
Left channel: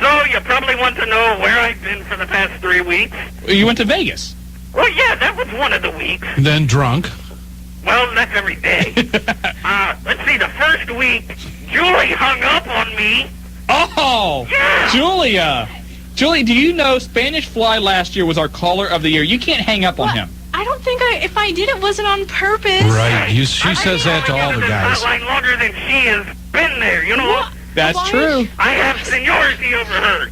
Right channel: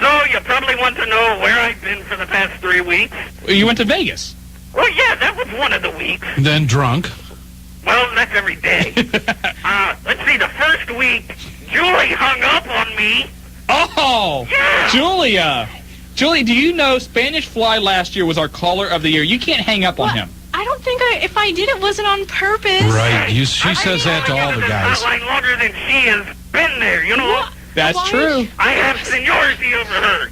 So, you probably want to know where I've been for the past 3 weeks? You went to Vegas. Well, yeah, that was one of the weeks. Then drunk. Well, that's every day. Let's see, the first week, Julie hung up on me. Oh, yeah. Julia. Julia, do you know Spanish Fly last year was our caller of the year? You can't hang up on him. I don't think if I did, it wasn't on purpose. Right. She says that to all the guys. I've been longer than she has been there, you know. What? That's true. I have seniority over her.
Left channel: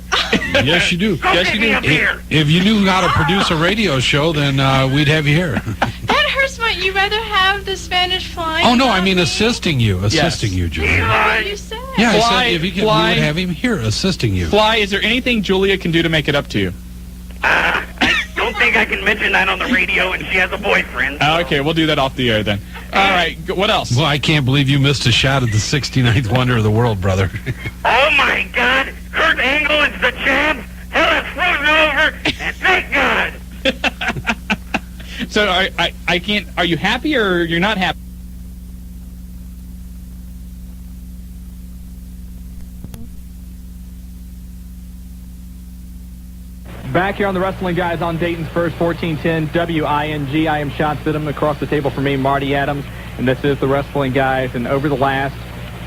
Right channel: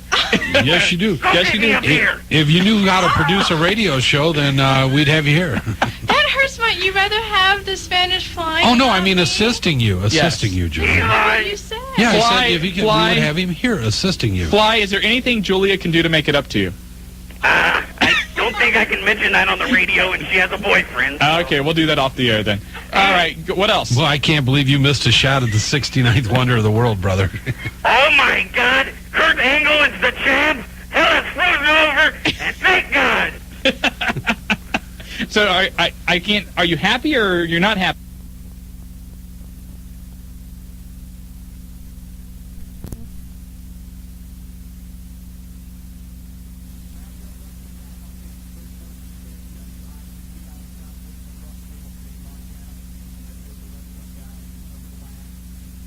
Yes, you do. Yes, you do. If you knew how to produce a radio show, then we'd have you here. That hurts you rather have the Spanish fly. Oh, no, I mean assisting you, Julia. What did you say? Yeah, Fly, I said if you can, we Fly. would have him here assisting you. Fly, is there anything Julia can do to make it up to you? I don't think I can mention that on the radio, and she has a boyfriend. Okay, we'll do that off the air then. All right, what else? Well, I can't believe you missed a shot at the 69th wonder of the world, brother. Oh, my God. Kurt Angle is the champ. Hell, it's frozen over. And thank God. So I can't. Are you happy or you're not happy? Back here on the Wrestling Guys on Dayton's first 1410 WING. I am Shawn Stidham. Across the table for me, Marty Adams, and this is the Wrestling Guys. And over the last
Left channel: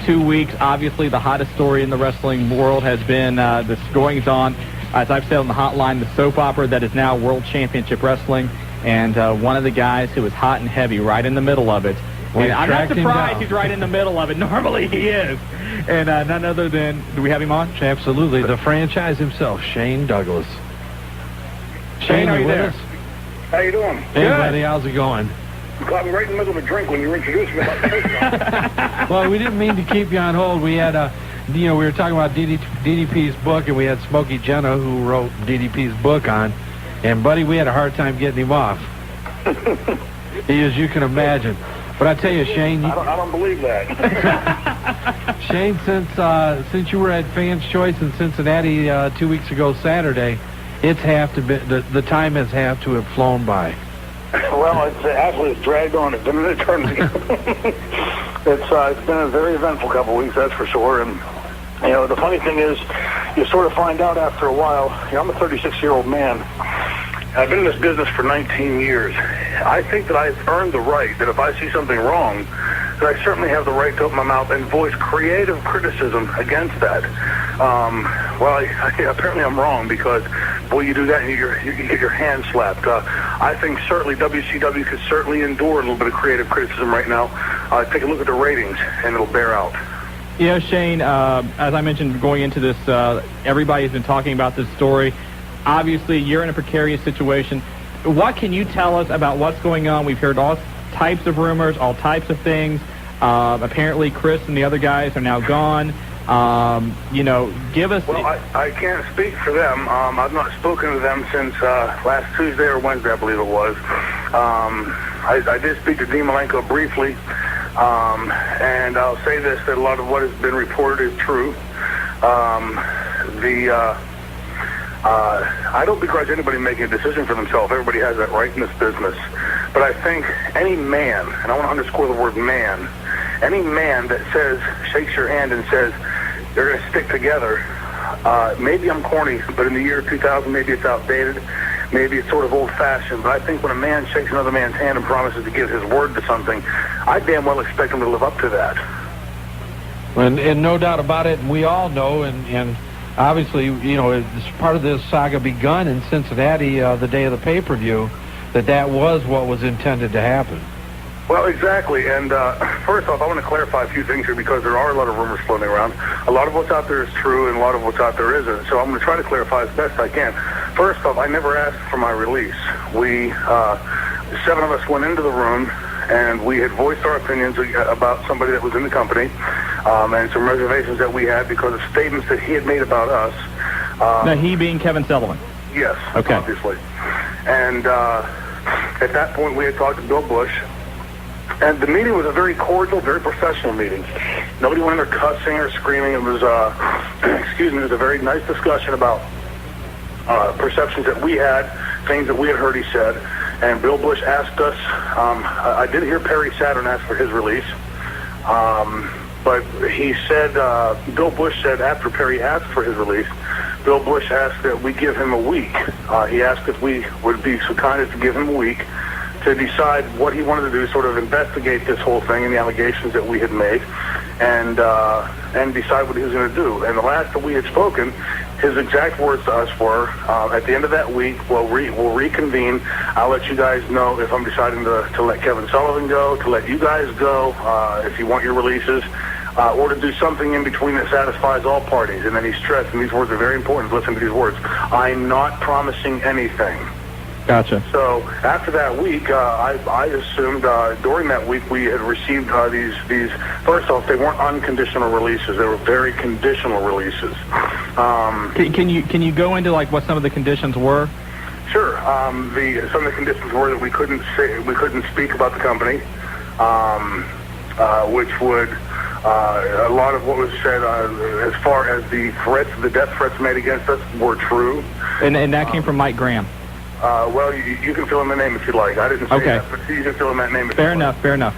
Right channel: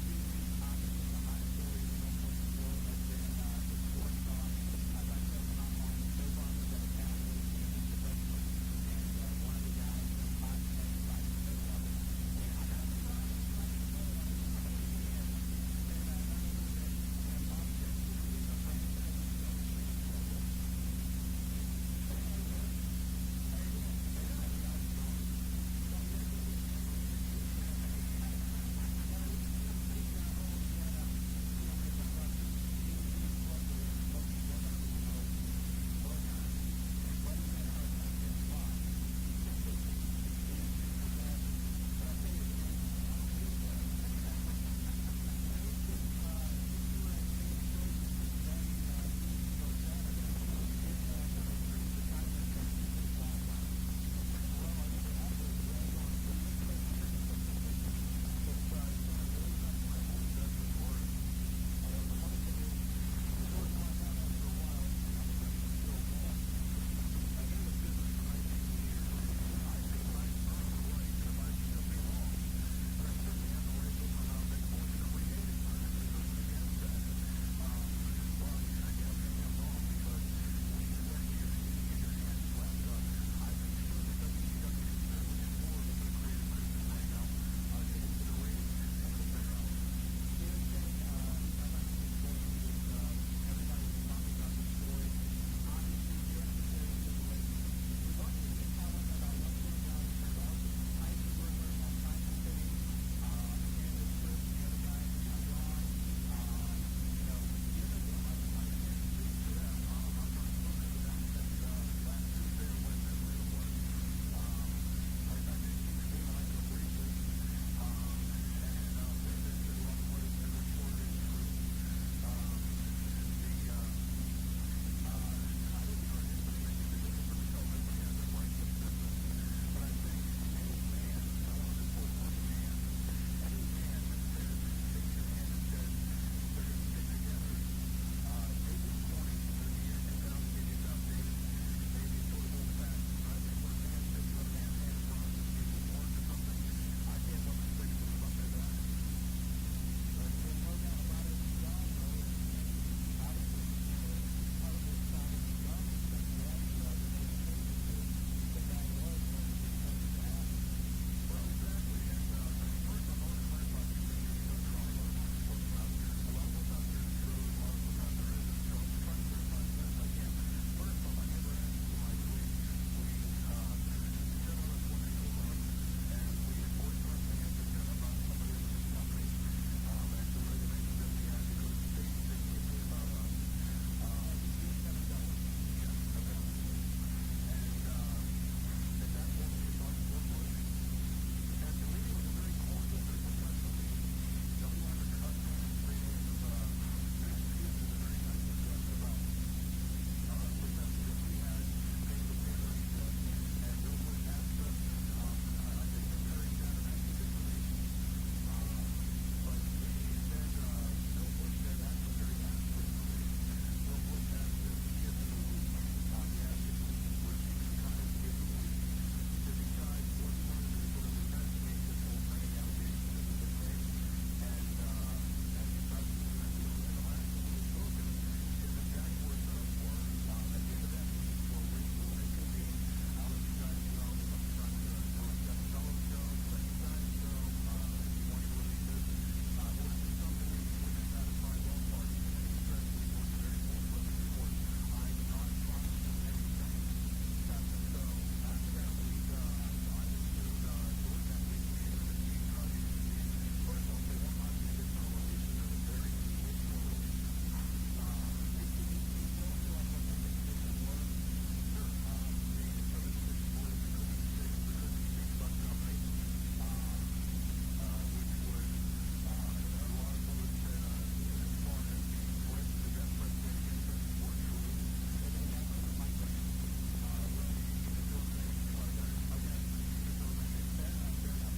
2 weeks, obviously the hottest story in the wrestling world has been this goings-on, as I've said on the hotline, the soap opera that is now World Championship Wrestling. And one of the guys who is hot and heavy right in the middle of it. And I'm not surprised he's right in the middle of it. Normally he is. And none other than, do we have him on? Absolutely. The franchise himself, Shane Douglas. Shane, are you there? How you doing? Hey, buddy, how's it going? You caught me right in the middle of a drink when you were introducing me about the Well, we didn't mean to keep you on hold. We had we were talking about DDP's book, and we had Smokey Genta, who wrote DDP's book on. And, buddy, we had a hard time getting him off. As you can imagine. But I tell you, Shane... I don't believe that. Shane, since you were at Fans' Choice in Cincinnati 2 weeks ago Saturday, it's the time has have to have flown by. Well, it's dragged on. It's been an eternity. It's been a very eventful couple of weeks, that's for sure. And, the funny thing is, you sort of find out after a while, I'm a 36-year-old man. I've been in this business for 19 years. I think that I've earned the right that if I see something wrong, that I certainly have the right to open my mouth and voice creative criticism against that. Apparently I'm wrong because, boy, you do that and you get your hand slapped. I think certainly WCW could certainly endure a little bit of creative criticism right now. Take a look at the ratings, and it'll bear out. Yeah, Shane, as I mentioned going into this, everybody's been talking about this story. Obviously, you're in a precarious situation. What can you tell us about what's going on? We've heard all types of rumors, all types of things. Apparently, Chris and the other guys are now gone. Give us... Well, I can't speak for them. I've not spoken to them since last Tuesday or Wednesday, I believe it was. I did speak to Dean Malenko briefly, and I'll say this, that a lot of what has been reported is true. I don't begrudge anybody making a decision for themselves. Everybody has that right in this business. But I think any man, and I want to underscore the word man, any man that shakes your hand and says they're going to stick together, maybe I'm corny, but in the year 2000, maybe it's outdated, maybe it's sort of old-fashioned, but I think when a man shakes another man's hand and promises to give his word to something, I damn well expect him to live up to that. And no doubt about it, and we all know, and obviously, it's part of this saga begun in Cincinnati the day of the pay-per-view, that was what was intended to happen. Well, exactly. And first off, I want to clarify a few things here because there are a lot of rumors floating around. A lot of what's out there is true, and a lot of what's out there isn't. So I'm going to try to clarify as best I can. First off, I never asked for my release. We, 7 of us went into the room, and we had voiced our opinions about somebody that was in the company, and some reservations that we had because of statements that he had made about us. Now, he being Kevin Sullivan? Yes, okay. Obviously. And at that point, we had talked to Bill Bush, and the meeting was a very cordial, very professional meeting. Nobody went in there cussing or screaming. It was, it was a very nice discussion about perceptions that we had, things that we had heard he said. And Bill Bush asked us, I did hear Perry Saturn ask for his release, but he said, Bill Bush said after Perry asked for his release, Bill Bush asked that we give him a week. He asked if we would be so kind as to give him a week to decide what he wanted to do, sort of investigate this whole thing and the allegations that we had made, and decide what he was going to do. And the last that we had spoken, his exact words to us were, at the end of that week, we'll reconvene. I'll let you guys know if I'm deciding to let Kevin Sullivan go, to let you guys go, if you want your releases, or to do something in between that satisfies all parties. And then he stressed, and these words are very important, listen to these words, I'm not promising anything. Gotcha. So after that week, I assumed during that week we had received these. First off, they weren't unconditional releases; they were very conditional releases. Can you go into like what some of the conditions were? Sure. Some of the conditions were that we couldn't speak about the company, which would a lot of what was said as far as the death threats made against us were true. And that came from Mike Graham. Well, you can fill in the name if you'd like. I didn't say that, but you can fill in that name if Fair you'd enough. like. Fair enough.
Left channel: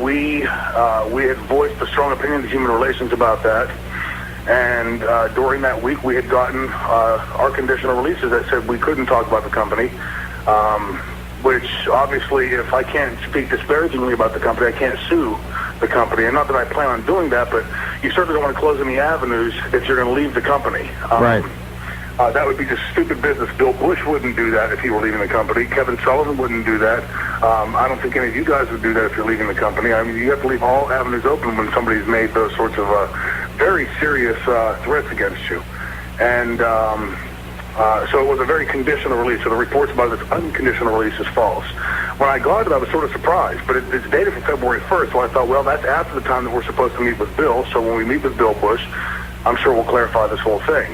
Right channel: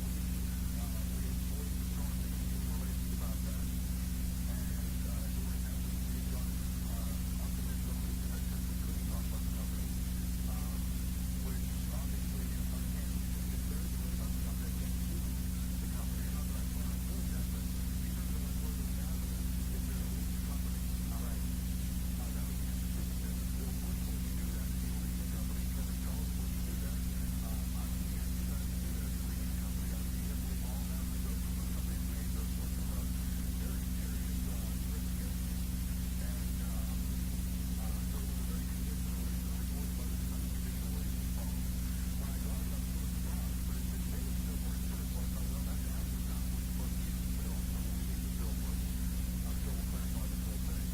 We had voiced a strong opinion to Human Relations about that. And during that week, we had gotten our conditional releases that said we couldn't talk about the company, which obviously, if I can't speak disparagingly about the company, I can't sue the company. And not that I plan on doing that, but you certainly don't want to close any avenues if you're going to leave the company. Right. That would be just stupid business. Bill Bush wouldn't do that if he were leaving the company. Kevin Sullivan wouldn't do that. I don't think any of you guys would do that if you're leaving the company. I mean, you have to leave all avenues open when somebody's made those sorts of very serious threats against you. And so it was a very conditional release. So the reports about this unconditional release is false. When I got it, I was sort of surprised. But it's dated from February 1st, so I thought, well, that's after the time that we're supposed to meet with Bill. So when we meet with Bill Bush, I'm sure we'll clarify this whole thing.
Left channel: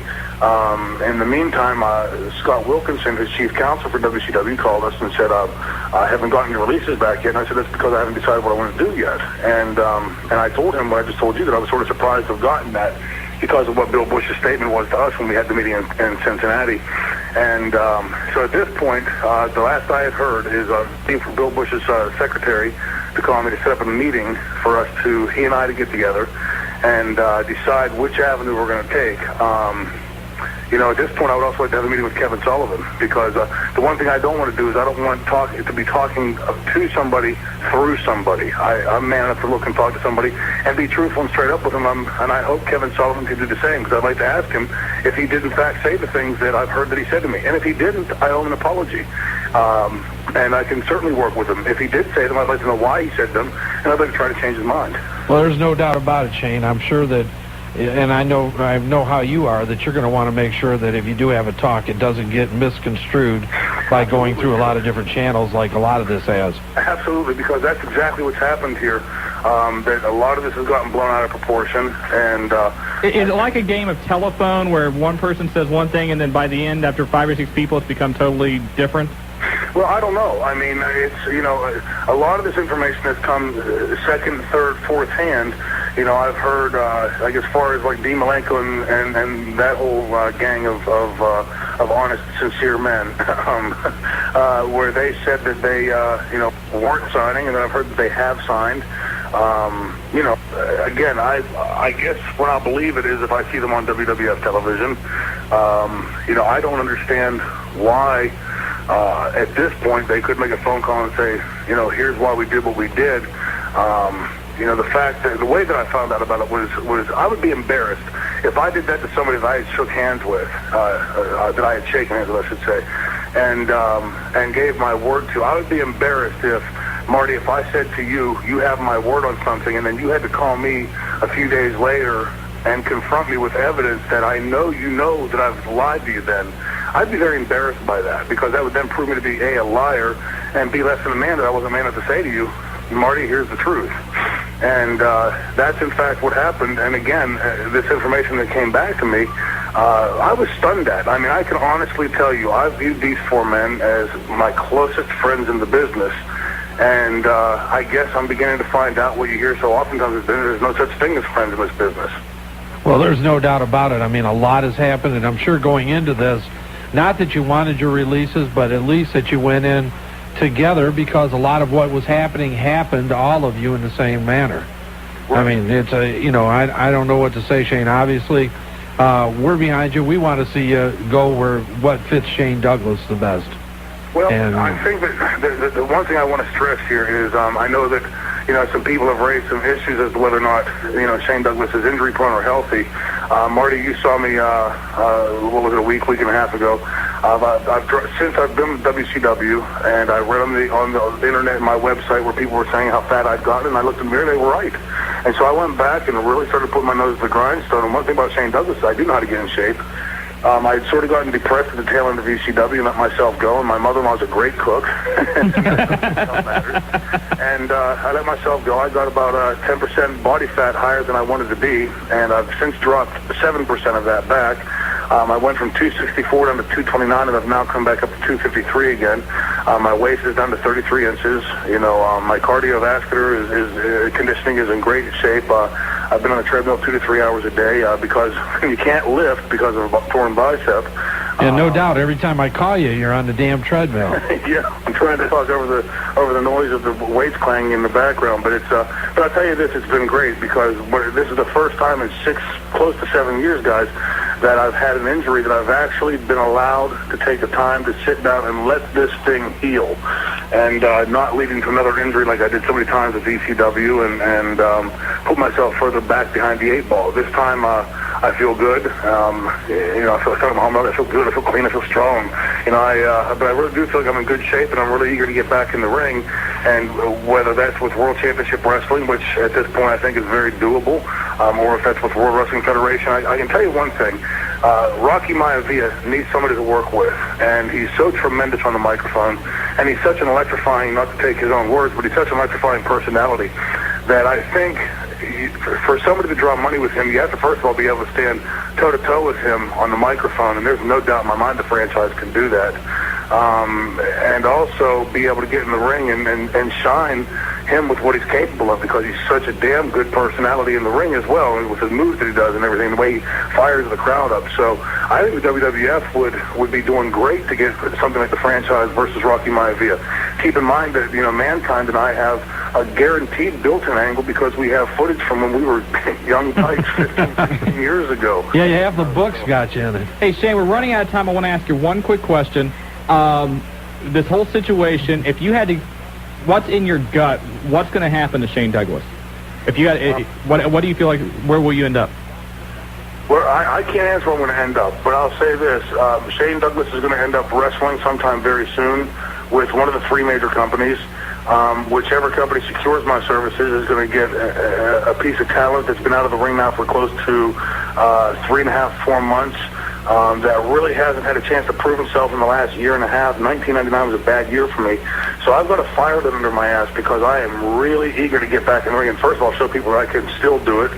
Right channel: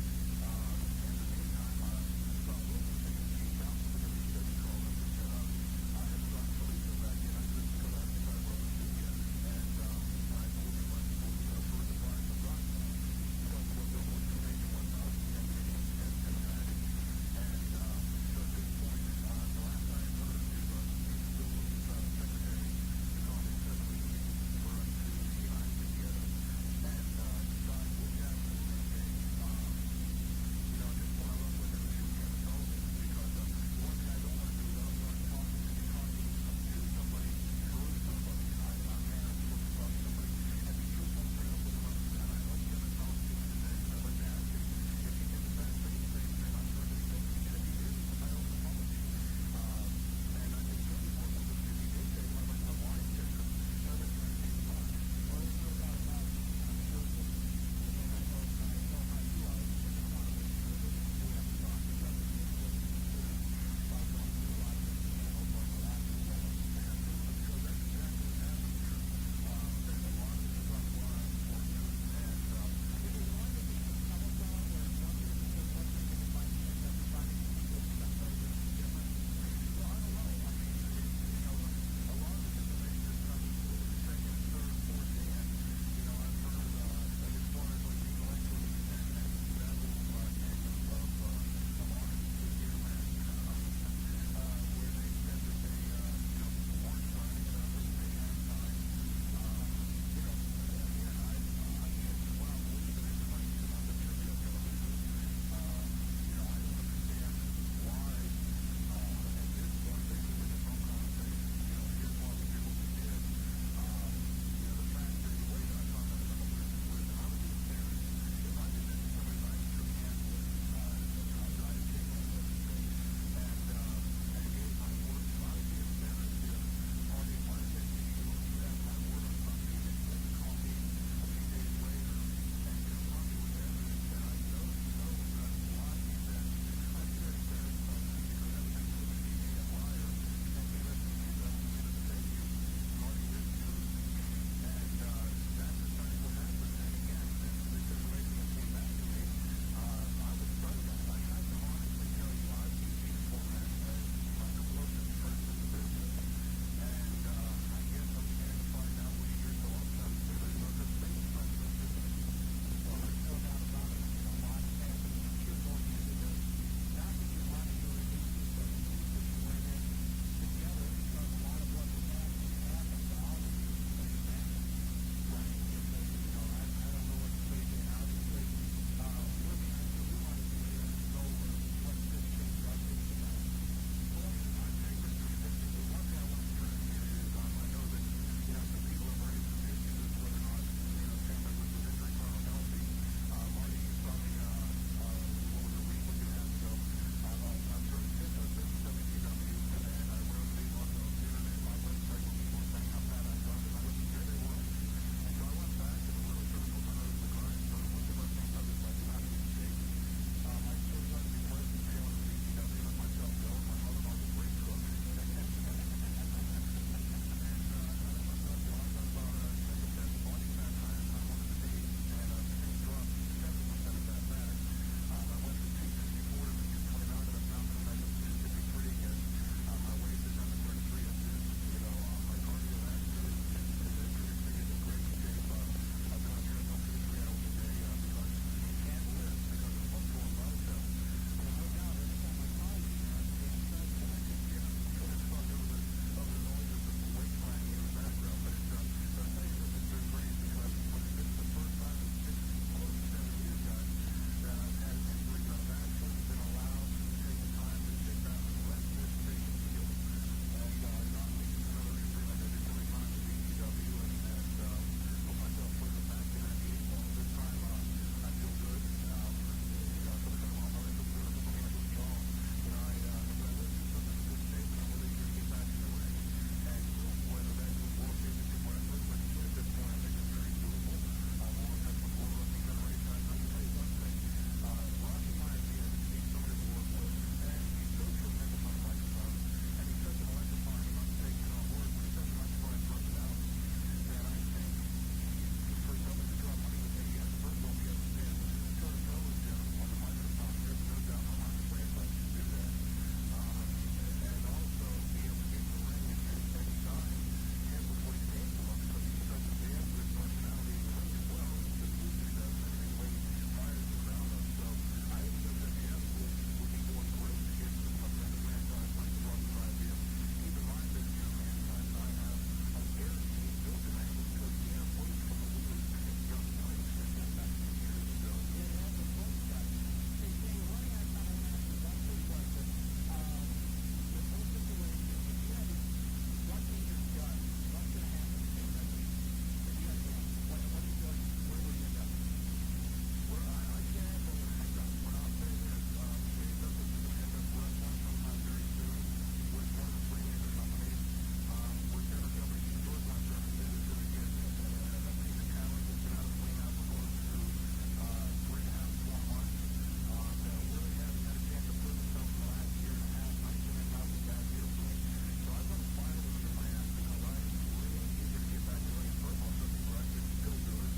In the meantime, Scott Wilkinson, his chief counsel for WCW, called us and said, I haven't gotten your releases back yet. And I said, that's because I haven't decided what I want to do yet. And I told him what I just told you, that I was sort of surprised to have gotten that because of what Bill Bush's statement was to us when we had the meeting in Cincinnati. And so at this point, the last I had heard is for Bill Bush's secretary to call me to set up a meeting for us he and I to get together and decide which avenue we're going to take. At this point, I would also like to have a meeting with Kevin Sullivan because the one thing I don't want to do is I don't want to be talking to somebody through somebody. I'm man enough to look and talk to somebody and be truthful and straight up with him. And I hope Kevin Sullivan can do the same because I'd like to ask him if he did in fact say the things that I've heard that he said to me. And if he didn't, I owe him an apology. And I can certainly work with him. If he did say them, I'd like to know why he said them, and I'd like to try to change his mind. Well, there's no doubt about it, Shane. I'm sure that, and I know how you are, that you're going to want to make sure that if you do have a talk, it doesn't get misconstrued by going through a lot of different channels like a lot of this has. Absolutely, because that's exactly what's happened here. That a lot of this has gotten blown out of proportion, and is it like a game of telephone where one person says one thing and then by the end, after 5 or 6 people, it's become totally different? Well, I don't know. I mean, it's, a lot of this information has come second, third, fourth hand. I've heard, like as far as like Dean Malenko and that whole gang of honest, sincere men, where they said that they, weren't signing, and then I've heard that they have signed. Again, I guess when I believe it is if I see them on WWF television. I don't understand why. At this point, they could make a phone call and say, here's why we did what we did. The fact that the way that I found out about it was I would be embarrassed if I did that to somebody that I had shook hands with, that I had shaken hands with, I should say, and gave my word to. I would be embarrassed if, Marty, if I said to you, you have my word on something, and then you had to call me a few days later and confront me with evidence that I know you know that I've lied to you then. I'd be very embarrassed by that because that would then prove me to be, A, a liar, and B, less than a man that I wasn't man enough to say to you, Marty, here's the truth. And that's, in fact, what happened. And, again, this information that came back to me, I was stunned at. I mean, I can honestly tell you, I viewed these 4 men as my closest friends in the business. And I guess I'm beginning to find out what you hear so oftentimes is there's no such thing as friends in this business. Well, there's no doubt about it. I mean, a lot has happened, and I'm sure going into this, not that you wanted your releases, but at least that you went in together because a lot of what was happening happened to all of you in the same manner. Right. I mean, it's I don't know what to say, Shane. Obviously, we're behind you. We want to see you go where what fits Shane Douglas the best. Well, I think that the one thing I want to stress here is I know that, some people have raised some issues as to whether or not, Shane Douglas is injury prone or healthy. Marty, you saw me, what was it, a week and a half ago. Since I've been with WCW, and I read on the internet and my website where people were saying how fat I'd gotten, and I looked in the mirror, they were right. And so I went back and really started putting my nose to the grindstone. And one thing about Shane Douglas is I do know how to get in shape. I'd sort of gotten depressed at the tail end of WCW and let myself go, and my mother-in-law's a great cook. And I let myself go. I got about 10% body fat higher than I wanted to be, and I've since dropped 7% of that back. I went from 264 down to 229, and I've now come back up to 253 again. My waist is down to 33 inches. You know, my cardiovascular conditioning is in great shape. I've been on the treadmill 2 to 3 hours a day because you can't lift because of a torn bicep. Yeah, no doubt. Every time I call you, you're on the damn treadmill. Yeah, I'm trying to talk over the noise of the weights clanging in the background, but but I'll tell you this, it's been great because this is the first time in close to 7 years, guys, that I've had an injury that I've actually been allowed to take the time to sit down and let this thing heal, and not leading to another injury like I did so many times at WCW and put myself further back behind the 8 ball. This time I feel good. You know, I feel like I'm home. I feel good. I feel clean. I feel strong. You know, but I really do feel like I'm in good shape, and I'm really eager to get back in the ring. And whether that's with World Championship Wrestling, which at this point I think is very doable, or if that's with World Wrestling Federation, I can tell you one thing. Rocky Maivia needs somebody to work with, and he's so tremendous on the microphone, and he's such an electrifying, not to take his own words, but he's such an electrifying personality that I think for somebody to draw money with him, you have to first of all be able to stand toe-to-toe with him on the microphone, and there's no doubt in my mind the franchise can do that. And also be able to get in the ring and shine him with what he's capable of, because he's such a damn good personality in the ring as well, and with his moves that he does and everything, the way he fires the crowd up. So I think the WWF would be doing great to get something like the franchise versus Rocky Maivia. Keep in mind that, you know, Mankind and I have a guaranteed built-in angle because we have footage from when we were young tykes 15 years ago. Yeah, you have the books got you in it. Hey, Shane, we're running out of time. I want to ask you one quick question. This whole situation, if you had to, what's in your gut, what's going to happen to Shane Douglas? If you had, what do you feel like, where will you end up? Well, I can't answer where I'm going to end up, but I'll say this. Shane Douglas is going to end up wrestling sometime very soon with one of the 3 major companies. Whichever company secures my services is going to get a piece of talent that's been out of the ring now for close to 3.5, 4 months. That really hasn't had a chance to prove himself in the last year and a half. 1999 was a bad year for me. So I've got a fire that under my ass because I am really eager to get back in the ring and first of all show people that I can still do it.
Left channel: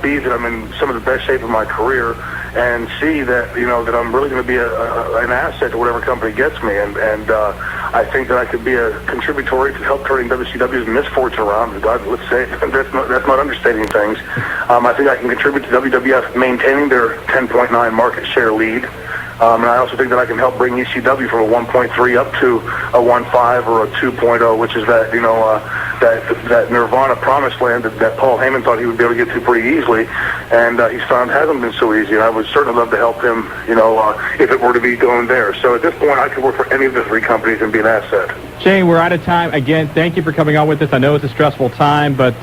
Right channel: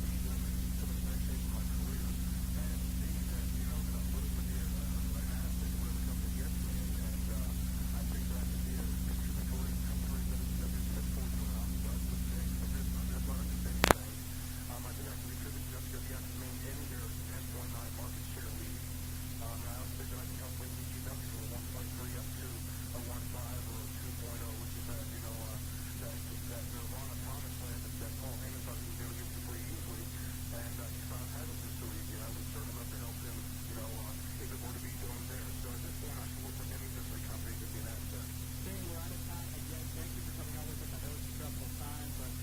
B, that I'm in some of the best shape of my career, and C, that, you know, that I'm really going to be an asset to whatever company gets me. And I think that I could be a contributory to help turning WCW's misfortune around. God, let's say that's not understating things. I think I can contribute to WWF maintaining their 10.9 market share lead. And I also think that I can help bring ECW from a 1.3 up to a 1.5 or a 2.0, which is that, you know, that Nirvana promised land that Paul Heyman thought he would be able to get to pretty easily, and he's found hasn't been so easy. And I would certainly love to help him, you know, if it were to be going there. So at this point, I could work for any of the 3 companies and be an asset. Shane, we're out of time. Again, thank you for coming on with us. I know it's a stressful time, but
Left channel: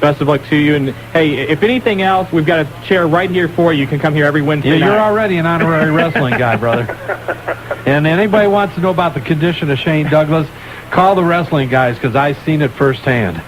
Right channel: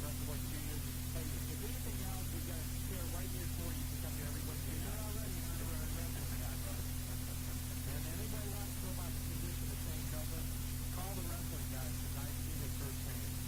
best of luck to you. And, hey, if anything else, we've got a chair right here for you. You can come here every Wednesday night. You're already an honorary wrestling guy, brother. And anybody wants to know about the condition of Shane Douglas, call the wrestling guys, because I've seen it firsthand.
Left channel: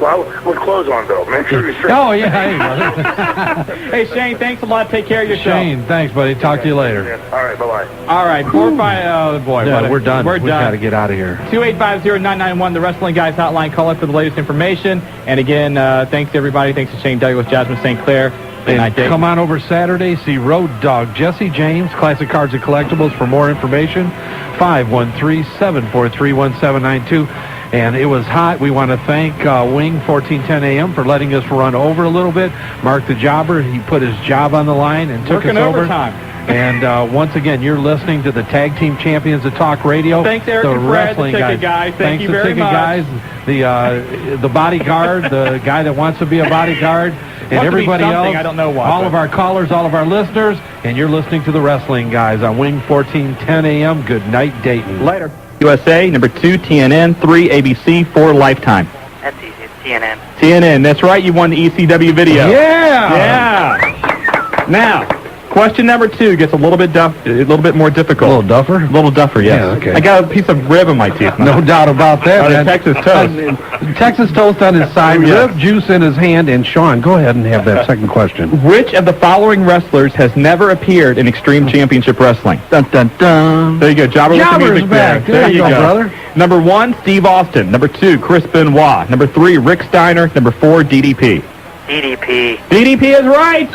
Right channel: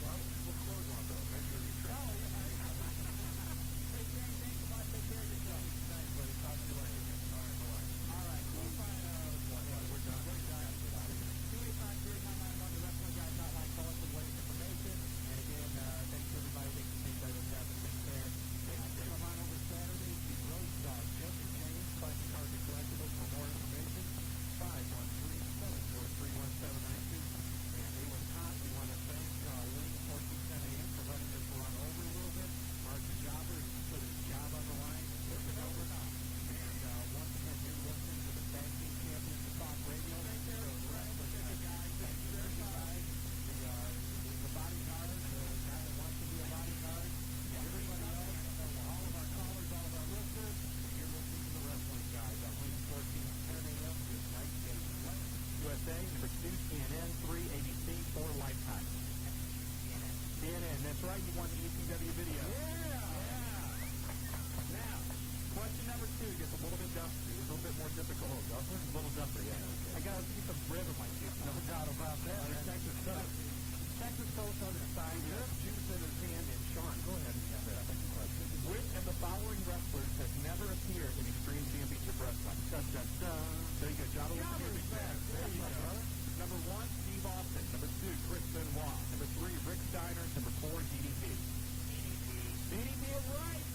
Well, with clothes on, though. Make sure you're straight. Oh, yeah. Hey, Shane, thanks a lot. Take care of yourself. Shane, thanks, buddy. Talk to you later. Yeah. All right, bye-bye. All right, 4-5, oh, boy. Yeah, we're done. We've got to get out of here. 2850991, the Wrestling Guys Hotline. Call up for the latest information. And again, thanks to everybody. Thanks to Shane Douglas, Jasmine St. Clair. And come on over Saturday, see Road Dogg Jesse James, Classic Cards and Collectibles. For more information, 513-743-1792. And it was hot. We want to thank Wing 1410 AM for letting us run over a little bit. Mark the Jobber, he put his job on the line and took us over. Overtime. And once again, you're listening to the Tag Team Champions of Talk Radio. Thanks, Eric the and Fred, wrestling the ticket guys. Thank you very much. Guys, the bodyguard, the guy that wants to be a bodyguard, and everybody else. I don't know why, all of our callers, all of our listeners, and you're listening to the Wrestling Guys on Wing 1410 AM. Good night, Dayton. Later. USA, number 2, TNN, 3, ABC, 4, Lifetime. That's easy. It's TNN. TNN, that's right. You won the ECW video. Yeah! Yeah! Now, Question number 2 gets a little bit more difficult. A little duffer? A little duffer, yes. Yeah, okay. I got a piece of rib in my teeth. No doubt about that, On a man. Texas toast. Texas toast on his side, rib juice in his hand, and Shawn, go ahead and have that second question. Which of the following wrestlers has never appeared in Extreme Championship Wrestling? Dun, dun, dun. There you go. Jobber with the Jobber's music back. there. There you go, brother. Number 1, Steve Austin. Number 2, Chris Benoit. Number 3, Rick Steiner. Number 4, DDP. DDP. DDP is right.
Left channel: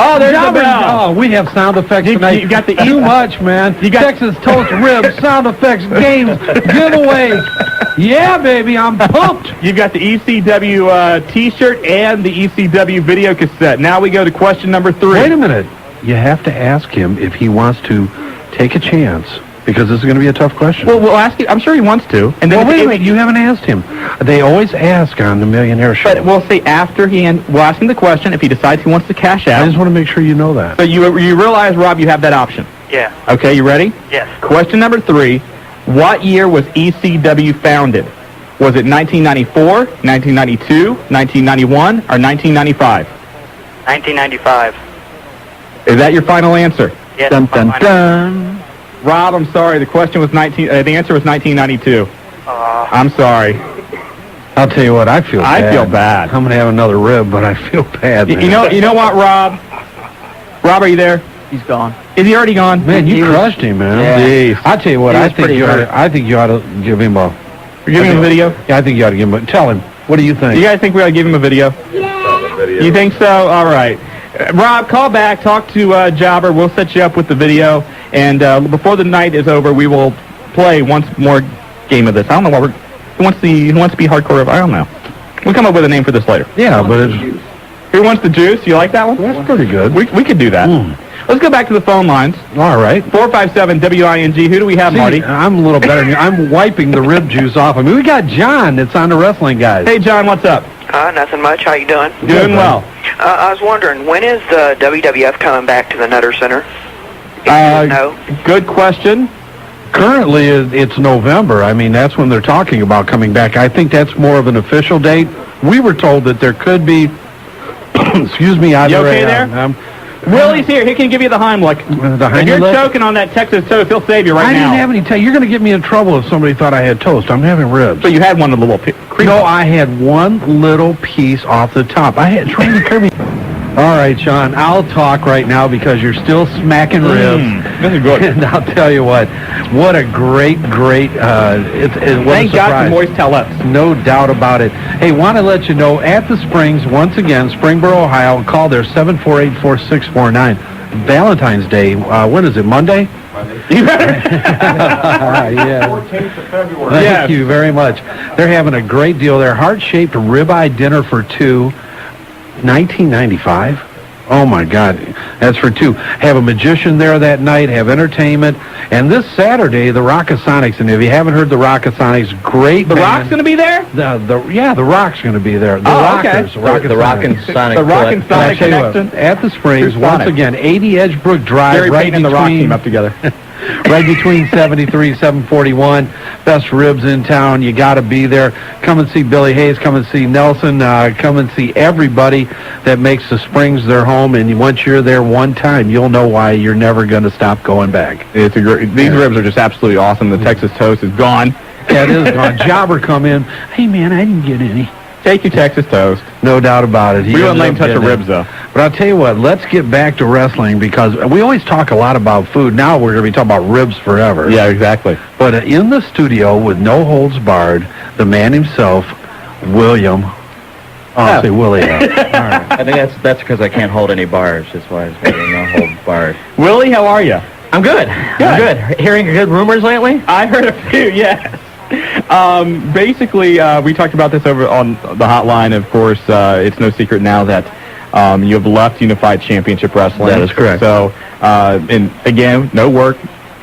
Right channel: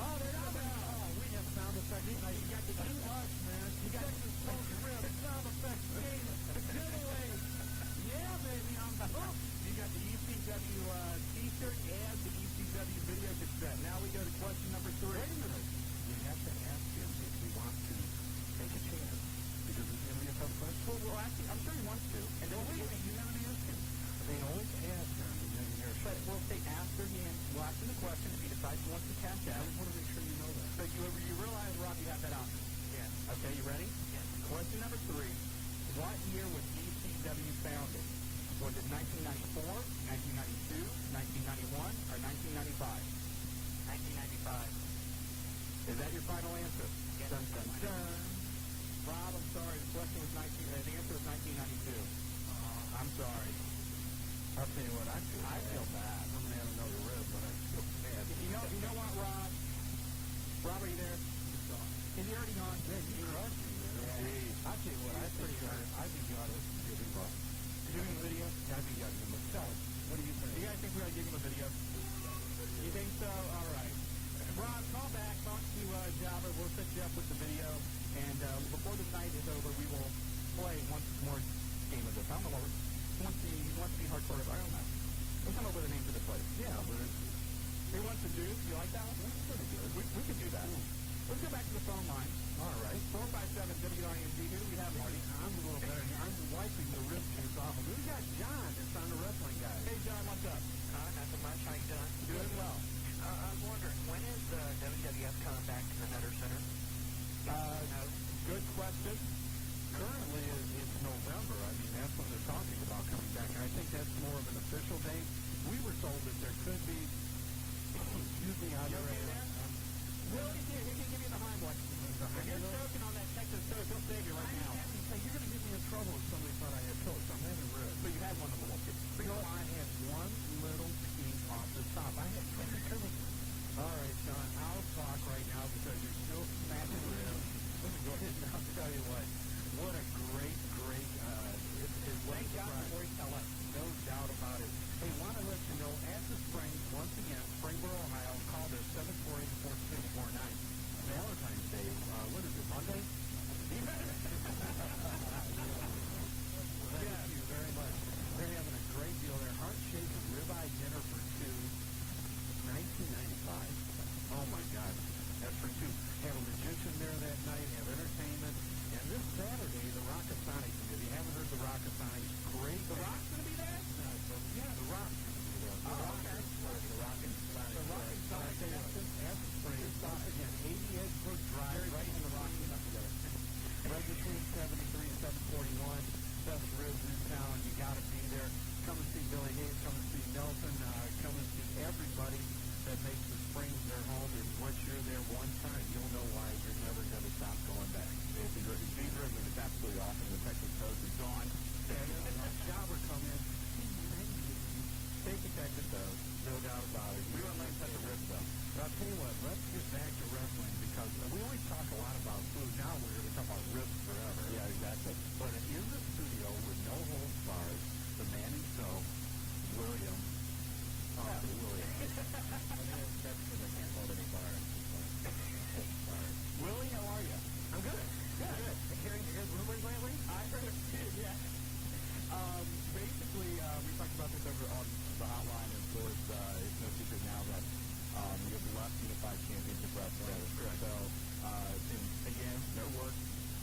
Oh, there's the bell. Oh, we have sound effects tonight. You got the too much, man. You got Texas toast ribs, sound effects, games, giveaway. Yeah, baby, I'm pumped. You've got the ECW T-shirt and the ECW video cassette. Now we go to question number 3. Wait a minute. You have to ask him if he wants to take a chance, because this is going to be a tough question. Well, we'll ask him. I'm sure he wants to. And then wait a minute. You haven't asked him. They always ask on the Millionaire Show. But we'll say after we'll ask him the question. If he decides he wants to cash out. I just want to make sure you know that. So you realize, Rob, you have that option. Yeah. Okay, you ready? Yes. Question number 3. What year was ECW founded? Was it 1994, 1992, 1991, or 1995? 1995. Is that your final answer? Yes. Dun, dun, dun. Rob, I'm sorry. The question was the answer was 1992. I'm sorry. I'll tell you what, I feel bad. I feel bad. I'm going to have another rib, but I feel bad, man. You know what, Rob? Rob, are you there? He's gone. Is he already gone? Man, you crushed him, man. Yeah. I'll tell you what, He I was think pretty hurt. I think you ought to give him a... You're giving him a video? Yeah, I think you ought to give him a... Tell him. What do you think? You guys think we ought to give him a video? Yeah. You think so? All right. Rob, call back. Talk to Jobber. We'll set you up with the video. And before the night is over, we will play once more game of this. I don't know what who wants to be hardcore? I don't know. We'll come up with a name for this later. Yeah, but it's... Who wants the juice? You like that one? That's pretty good. We could do that. Let's go back to the phone lines. All right. 457-WING. Who do we have, Marty? I'm a little better than you. I'm wiping the rib juice off. I mean, we got John that's on the wrestling guys. Hey, John, what's up? Nothing much. How you doing? Doing well. I was wondering, when is the WWF coming back to the Nutter Center? No. Good question. Currently, it's November. I mean, that's when they're talking about coming back. I think that's more of an official date. We were told that there could be, excuse me, either You okay there? Willie's here. He can give you the Heimlich. If you're choking on that Texas toast, he'll save you right now. I didn't have any You're going to get me in trouble if somebody thought I had toast. I'm having ribs. So you had one of the little No, I had one little piece off the top. I had trying to curve me. All right, Shawn, I'll talk right now because you're still smacking ribs. This is good. And I'll tell you what a great, what Thank a God for surprise. Moist Tellus. No doubt about it. Hey, want to let you know, at the Springs, once again, Springboro, Ohio, call there 748-4649. Valentine's Day, when is it, Monday? You better. Yeah. 14th of February. Thank you very much. They're having a great deal there. Heart-shaped ribeye dinner for two. $19.95. Oh my God, that's for two. Have a magician there that night. Have entertainment, and this Saturday the Rockasonics. And if you haven't heard the Rockasonics, great. The band. Rock's going to be there. The Rock's going to be there. The Rockers. Okay. The Rock and Sonic. The Rock and Sonic Connection at the Springs Here's once Sonic. again. 80 Edgebrook Drive, Jerry right Payton and the Rock team up together. right between 73 741. Best ribs in town. You got to be there. Come and see Billy Hayes. Come and see Nelson. Come and see everybody that makes the Springs their home. And once you're there one time, you'll know why you're never going to stop going back. These ribs are just absolutely awesome. The Texas toast is gone. Yeah, it is gone. Jobber come in. Hey, man, I didn't get any. Take your Texas toast. No doubt about it. We wouldn't let him touch the ribs, though. But I'll tell you what, let's get back to wrestling because we always talk a lot about food. Now we're going to be talking about ribs forever. Yeah, exactly. But in the studio with no holds barred, the man himself, William. I'll say Willie. All right. I think that's because I can't hold any bars. That's why it's no hold barred. Willie, how are you? I'm good. I'm good. Hearing good rumors lately? I heard a few, yes. Basically, we talked about this over on the hotline. Of course, it's no secret now that you have left Unified Championship Wrestling. That is correct. So, and again, no work.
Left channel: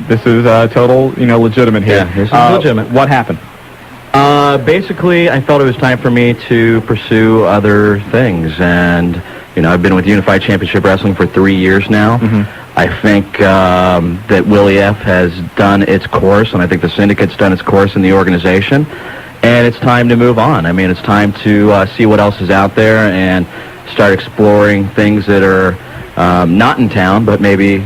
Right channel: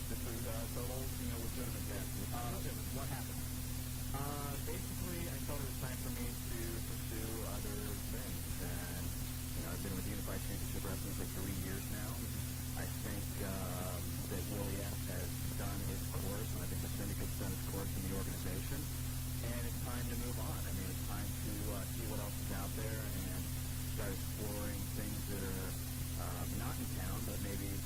This is total, legitimate here. Yeah, this is legitimate. What happened? Basically, I felt it was time for me to pursue other things, and I've been with Unified Championship Wrestling for 3 years now. Mm-hmm. I think that Willie F. has done its course, and I think the syndicate's done its course in the organization, and it's time to move on. I mean, it's time to see what else is out there and start exploring things that are not in town, but maybe,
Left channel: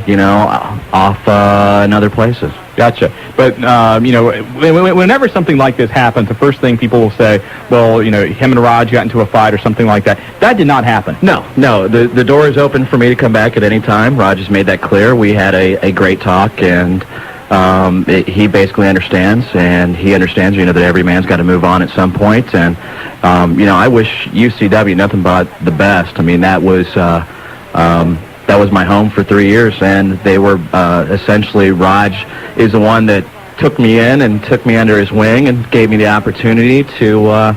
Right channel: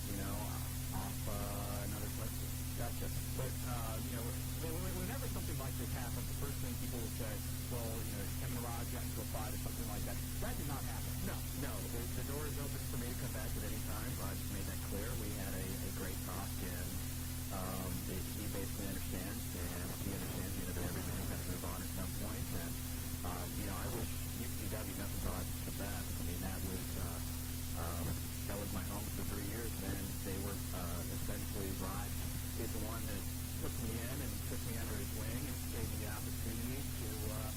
off in other places. Gotcha. But, whenever something like this happens, the first thing people will say, well, him and Raj got into a fight or something like that. That did not happen. No. The door is open for me to come back at any time. Raj has made that clear. We had a great talk, and he basically understands, and he understands, that every man's got to move on at some point. And, I wish UCW nothing but the best. I mean, that was my home for 3 years, and they were essentially, Raj is the one that took me in and took me under his wing and gave me the opportunity to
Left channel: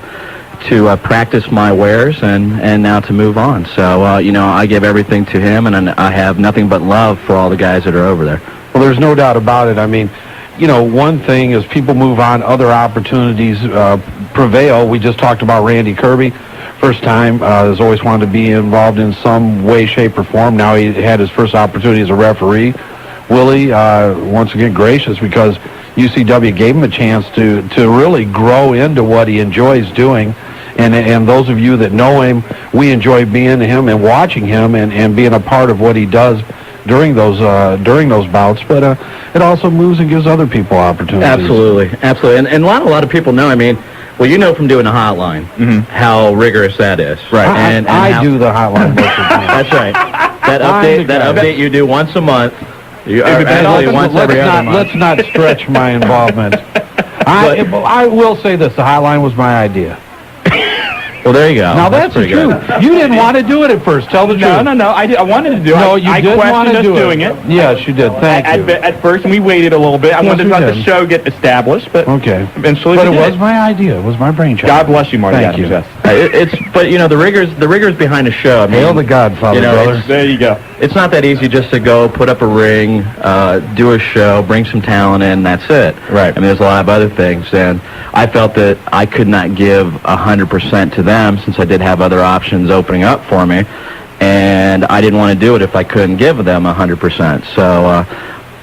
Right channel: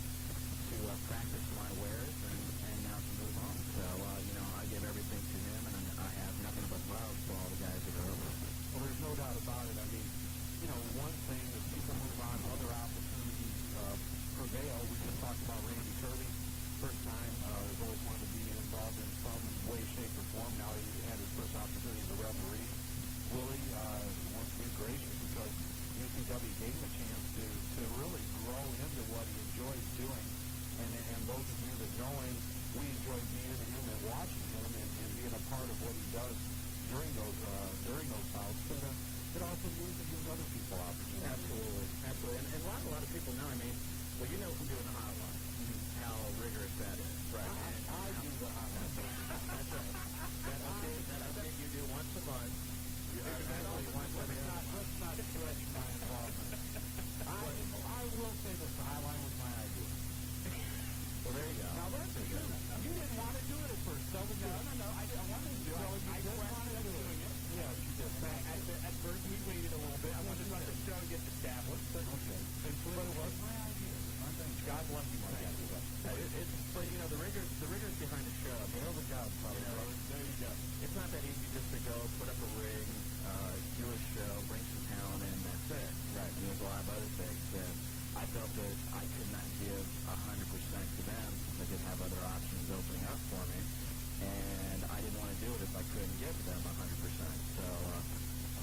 practice my wares and now to move on. So, I give everything to him, and I have nothing but love for all the guys that are over there. Well, there's no doubt about it. I mean, one thing is people move on, other opportunities prevail. We just talked about Randy Kirby. First time, has always wanted to be involved in some way, shape, or form. Now he had his first opportunity as a referee. Willie, once again, gracious because UCW gave him a chance to really grow into what he enjoys doing. And those of you that know him, we enjoy being him and watching him and being a part of what he does during those bouts. But it also moves and gives other people opportunities. Absolutely. And a lot of people know, well, from doing the hotline, how rigorous that is. Right. And I do the hotline. That's right. That update you do once a month. Let's not stretch my involvement. I will say this: the hotline was my idea. Well, there you go. Now that's the truth. You didn't want to do it at first. Tell the truth. No. I wanted to do it. No, you did want to do doing it. Yes, you did. Thank you. At first, and we waited a little bit. I wanted to let the show get established, but eventually. But it was my idea. It was my brainchild. God bless you, Marty. Thank you. The rigors behind a show. Hail the Godfather, brother. There you go. It's not that easy just to go put up a ring, do a show, bring some talent in. That's it. Right. There's a lot of other things, and I felt that I could not give 100% to them since I did have other options opening up for me, and I didn't want to do it if I couldn't give them 100%. So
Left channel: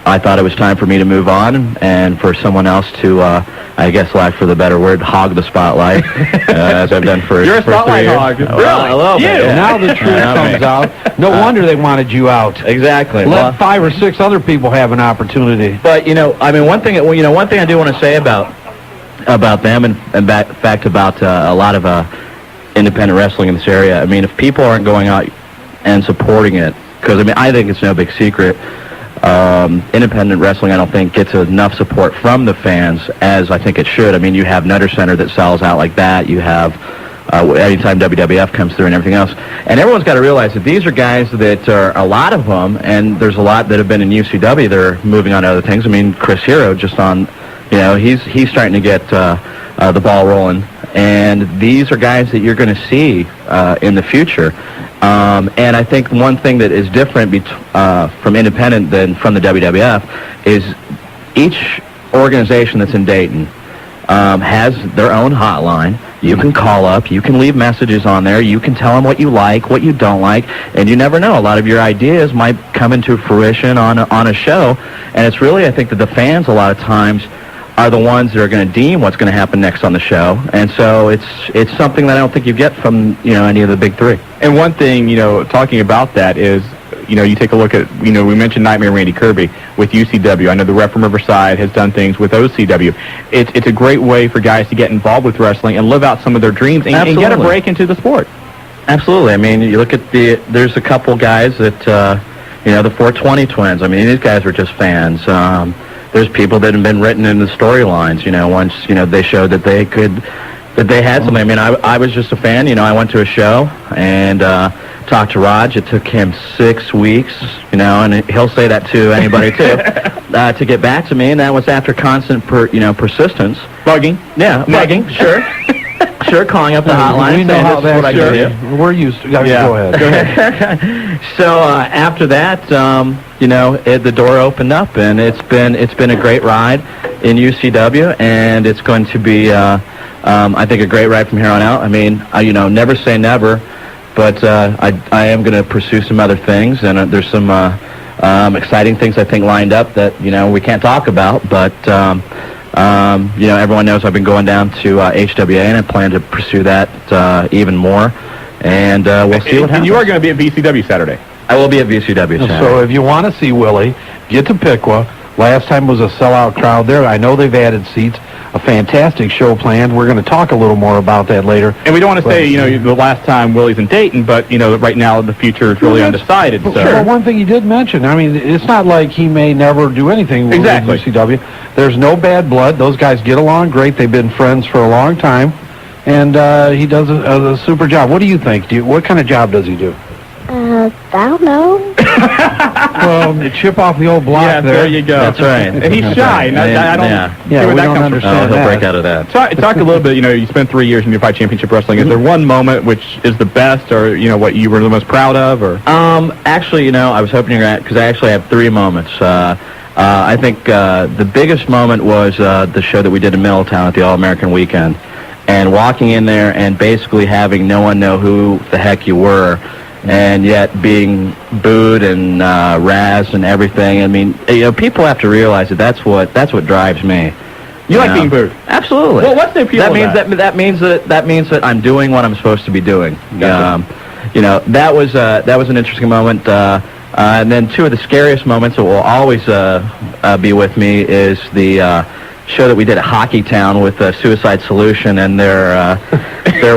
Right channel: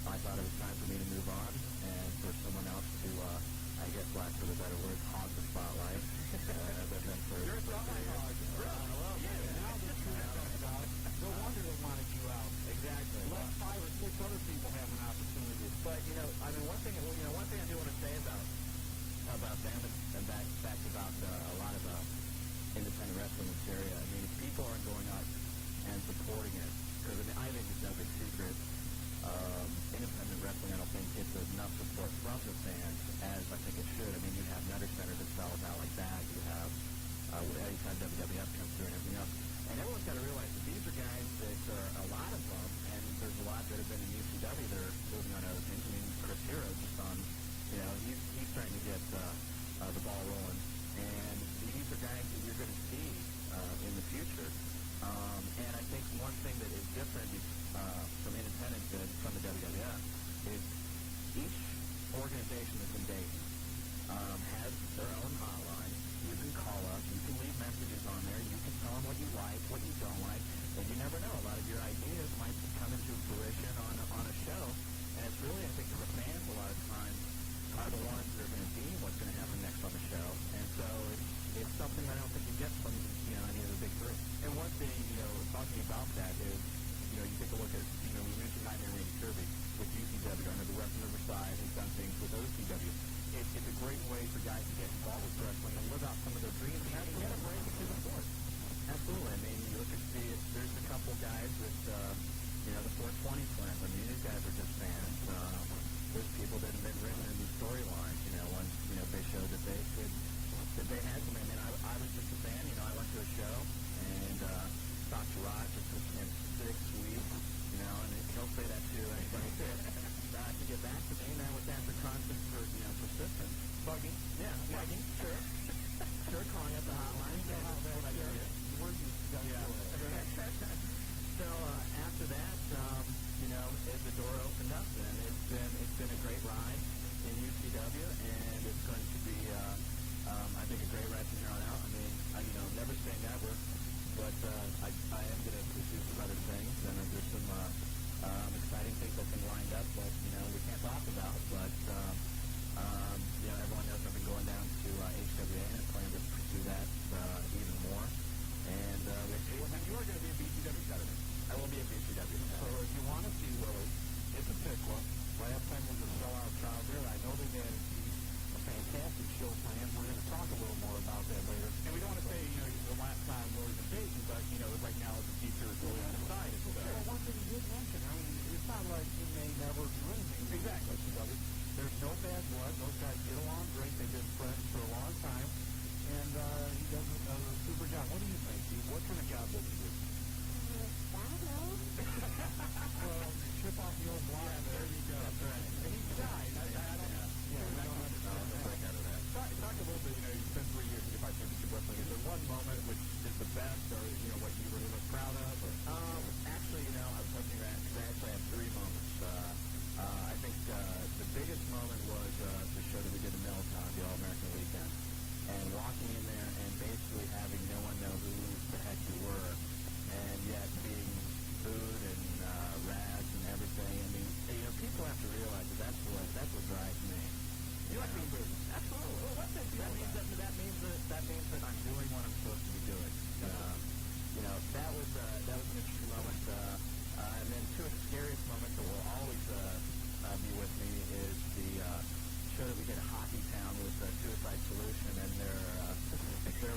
I thought it was time for me to move on and for someone else to, I guess, lack for the better word, hog the spotlight, as I've done for 3 years. You're a spotlight hog. Really? Now the truth comes out. No wonder they wanted you out. Exactly. Let 5 or 6 other people have an opportunity. But one thing I do want to say about them and in fact about a lot of independent wrestling in this area. If people aren't going out and supporting it, because I think it's no big secret. Independent wrestling, I don't think, gets enough support from the fans as I think it should. You have Nutter Center that sells out like that. You have anytime WWF comes through and everything else. And everyone's got to realize that these are guys that are, a lot of them, and there's a lot that have been in UCW that are moving on to other things. Chris Hero just on, he's starting to get the ball rolling. And these are guys that you're going to see in the future. And I think one thing that is different from independent than from the WWF is each organization that's in Dayton has their own hotline. You can call up, you can leave messages on there, you can tell them what you like, what you don't like, and you never know. A lot of your ideas might come into fruition on a show, and it's really, I think, that the fans a lot of times are the ones that are going to deem what's going to happen next on the show, and so it's something that I don't think you get from any of the big three. And one thing, talking about that is, you take a look at, we mentioned Nightmare Randy Kirby with UCW. I know the rep from Riverside has done things with OCW. It's a great way for guys to get involved with wrestling and live out some of their dreams and get a break into the sport. Absolutely. You look at there's a couple guys that, the 420 twins. These guys were just fans. There's people that have been written in the storylines, once, they showed that they had something. I was just a fan, I went to a show and talked to Raj. It took him 6 weeks, and he'll say that to anybody too, to get back to me, and that was after constant, persistence. Bugging. Yeah, bugging, sure. Sure, calling up the hotline. We know how that's do. We're used to. Go ahead. So after that, the door opened up, and it's been a great ride in UCW, and it's going to be, I think, a great ride from here on out. Never say never, but I am going to pursue some other things, and there's some exciting things I think lined up that we can't talk about, but. Everyone knows I've been going down to HWA, and I plan to pursue that even more. And we'll see what happens. And you are going to be at VCW Saturday. I will be at WCW Saturday. So if you want to see Willie, get to Piqua. Last time was a sellout crowd there. I know they've added seats. A fantastic show planned. We're going to talk a little more about that later. And we don't want to say, the last time Willie's in Dayton, but, right now the future is really undecided. So. Well, one thing he did mention, I mean, it's not like he may never do anything with WCW. There's no bad blood. Those guys get along great. They've been friends for a long time. And he does a super job. What do you think? What kind of job does he do? I don't know. Well, chip off the old block there you go. That's right. And he's shy. I don't see where we that don't comes understand He'll break out of that. Talk a little bit, you spent 3 years in Unified Championship Wrestling. Is there one moment which is the best or, what you were the most proud of? Or Actually, I was hoping you're at, because I actually have 3 moments. I think the biggest moment was the show that we did in Middletown at the All-American Weekend. And walking in there and basically having no one know who the heck you were, and yet being booed and razzed and everything. I mean, people have to realize that's what drives me. You like being booed? Absolutely. Well, what's the appeal of that? That means that I'm doing what I'm supposed to be doing. Gotcha. That was an interesting moment. And then 2 of the scariest moments that will always be with me is the show that we did at Hockey Town with Suicide Solution and their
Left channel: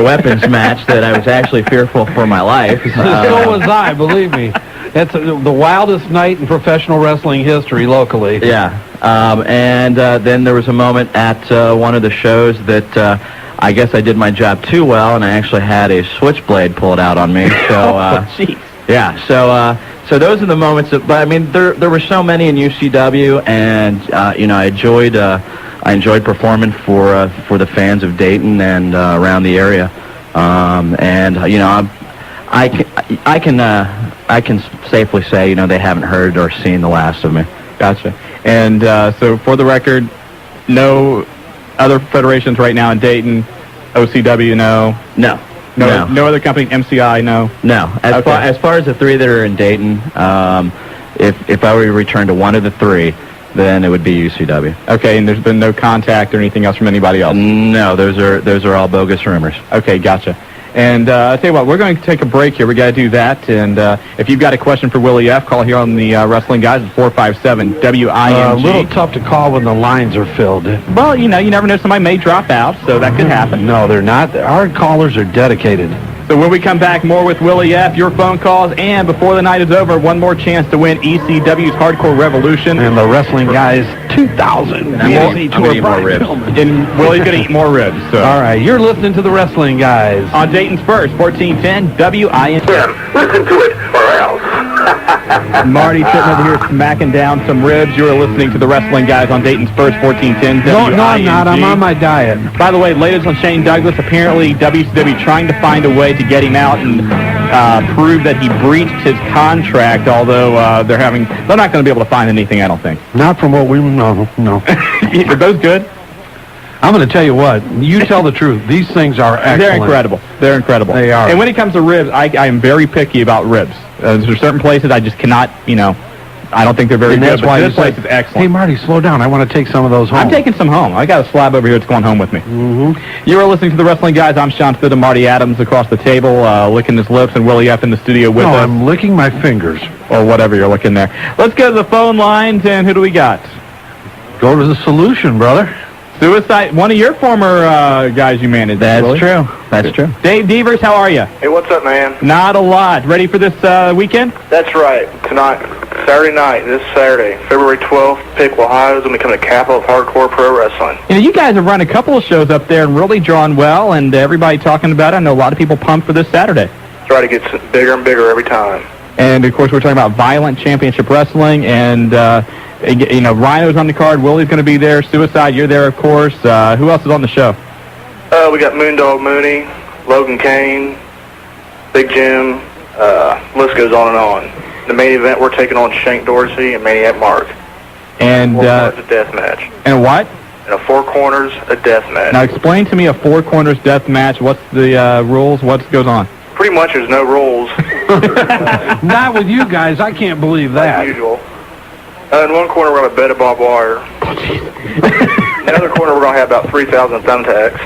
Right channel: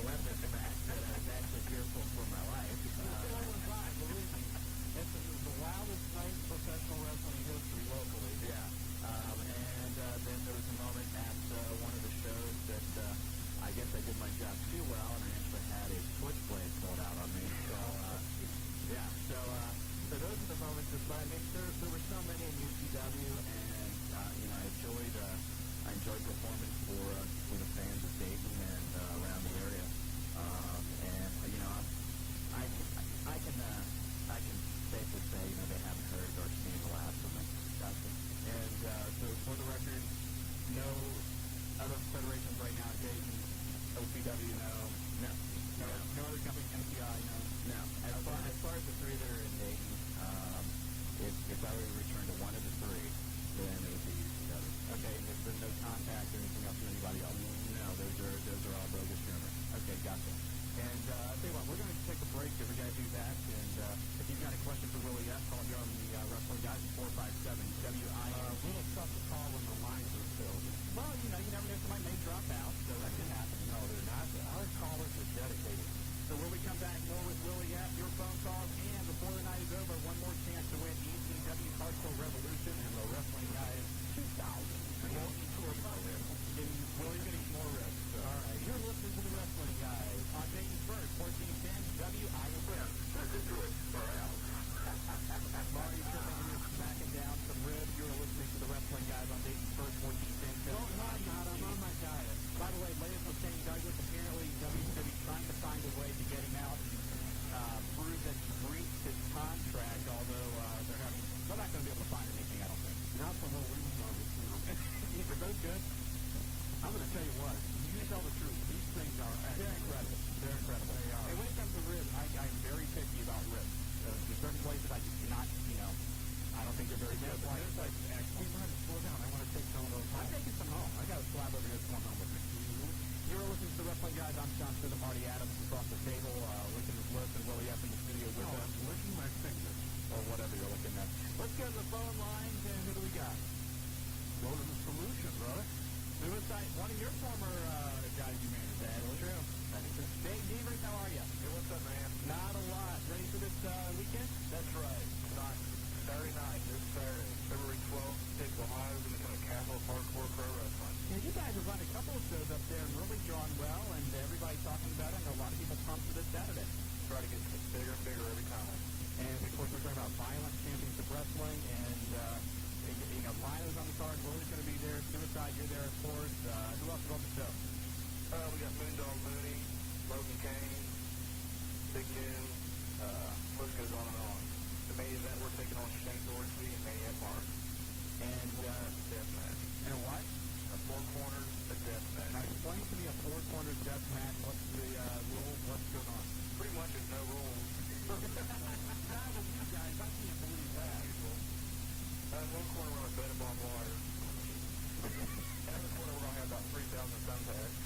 weapons match that I was actually fearful for my life. So was I, believe me. That's the wildest night in professional wrestling history locally. Yeah. And then there was a moment at one of the shows that I guess I did my job too well, and I actually had a switchblade pulled out on me. So, yeah. So those are the moments that, but I mean, there were so many in UCW, and I enjoyed performing for the fans of Dayton and around the area, and I can safely say they haven't heard or seen the last of me. Gotcha. And so for the record, no other federations right now in Dayton, OCW, no. No other company, MCI, no. No. As far as the 3 that are in Dayton, if I were to return to one of the 3. Then it would be UCW. Okay, and there's been no contact or anything else from anybody else? No, those are all bogus rumors. Okay, gotcha. And I'll tell you what, we're going to take a break here. We got to do that. And if you've got a question for Willie F., call here on the Wrestling Guys at 457-WING. A little tough to call when the lines are filled. Well, you never know. Somebody may drop out, so that could happen. No, they're not. Our callers are dedicated. So when we come back, more with Willie F., your phone calls, and before the night is over, one more chance to win ECW's Hardcore Revolution. And the Wrestling Guys 2000. I'm going to eat more ribs. And Willie's going to eat more ribs. So. All right, you're listening to the Wrestling Guys. On Dayton's First, 1410 WING. Listen to it, or else. Marty sitting over here smacking down some ribs. You are listening to the Wrestling Guys on Dayton's First, 1410 WING. No, I'm not. I'm on my diet. By the way, latest on Shane Douglas, apparently WCW trying to find a way to get him out and prove that he breached his contract, although they're not going to be able to find anything, I don't think. Not from what we know. No. Are those good? I'm going to tell you what. You tell the truth. These things are excellent. They're incredible. They're incredible. They are. And when it comes to ribs, I am very picky about ribs. There's certain places I just cannot, I don't think they're very good, but this place is excellent. Hey, Marty, slow down. I want to take some of those home. I'm taking some home. I got a slab over here that's going home with me. Mm-hmm. You are listening to the Wrestling Guys. I'm Shawn and Marty Adams across the table, licking his lips, and Willie F. in the studio with us. I'm licking my fingers. Or whatever you're licking there. Let's go to the phone lines, and who do we got? Go to the solution, brother. Suicide, one of your former guys you managed. That's true. That's true. Dave Devers, how are you? Hey, what's up, man? Not a lot. Ready for this weekend? That's right. Tonight, Saturday night, this Saturday, February 12th, Piqua, Ohio, is going to become the capital of hardcore pro wrestling. You guys have run a couple of shows up there and really drawn well, and everybody talking about it. I know a lot of people pumped for this Saturday. Try to get bigger and bigger every time. And, of course, we're talking about Violent Championship Wrestling, and Rhino's on the card. Willie's going to be there. Suicide, you're there, of course. Who else is on the show? We got Moondog Mooney, Logan Kane, Big Jim. List goes on and on. The main event, we're taking on Shank Dorsey and Maniac Mark. And Four corners, a death match. And what? And a four corners, a death match. Now explain to me a four corners death match. What's the rules? What goes on? Pretty much there's no rules. Not with you guys. I can't believe that. Like usual. In one corner, we're going to have a bed of barbed wire. In the other corner, we're going to have about 3,000 thumbtacks.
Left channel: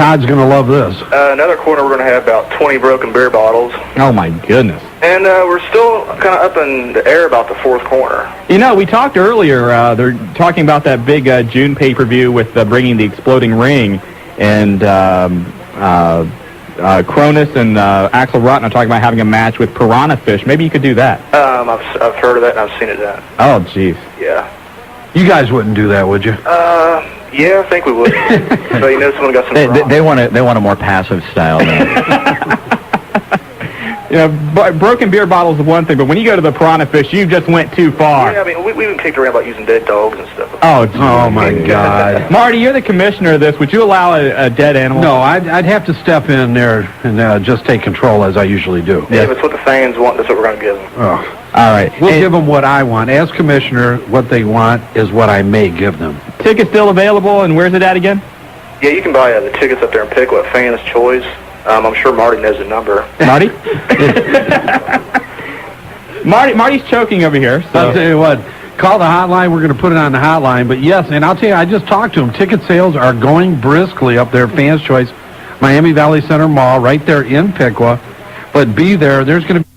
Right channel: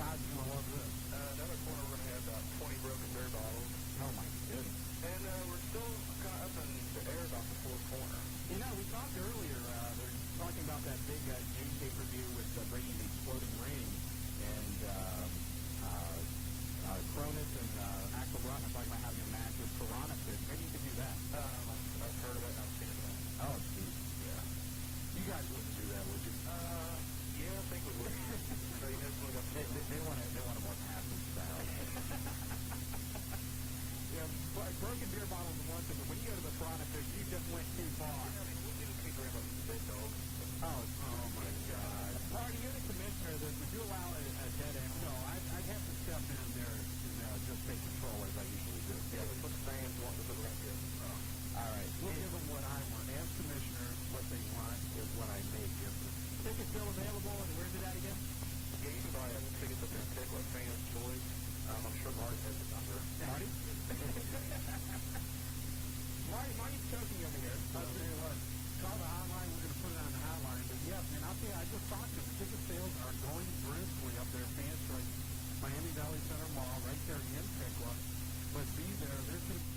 Todd's going to love this. Another corner, we're going to have about 20 broken beer bottles. Oh, my goodness. And we're still kind of up in the air about the fourth corner. You know, we talked earlier, they're talking about that big June pay-per-view with bringing the exploding ring, and Cronus and Axel Rotten are talking about having a match with piranha fish. Maybe you could do that. I've heard of that, and I've seen it done. Oh, jeez. Yeah. You guys wouldn't do that, would you? Yeah, I think we would. So you know someone got some They want a more passive style. You know, broken beer bottles is one thing, but when you go to the piranha fish, you just went too far. Yeah, I mean, we even kicked around about using dead dogs and stuff. Oh my God. Marty, you're the commissioner of this. Would you allow a dead animal? No, I'd have to step in there and just take control as I usually do. Yeah, if it's what the fans want, that's what we're going to give them. Oh. All right. We'll give them what I want. As commissioner, what they want is what I may give them. Tickets still available, and where's it at again? Yeah, you can buy the tickets up there and pick what Fan's Choice. I'm sure Marty knows the number. Marty? Marty's choking over here. So. I'll tell you what. Call the hotline. We're going to put it on the hotline. But, yes, and I'll tell you, I just talked to him. Ticket sales are going briskly up there, Fan's Choice, Miami Valley Center Mall, right there in Piqua. But be there. There's going to be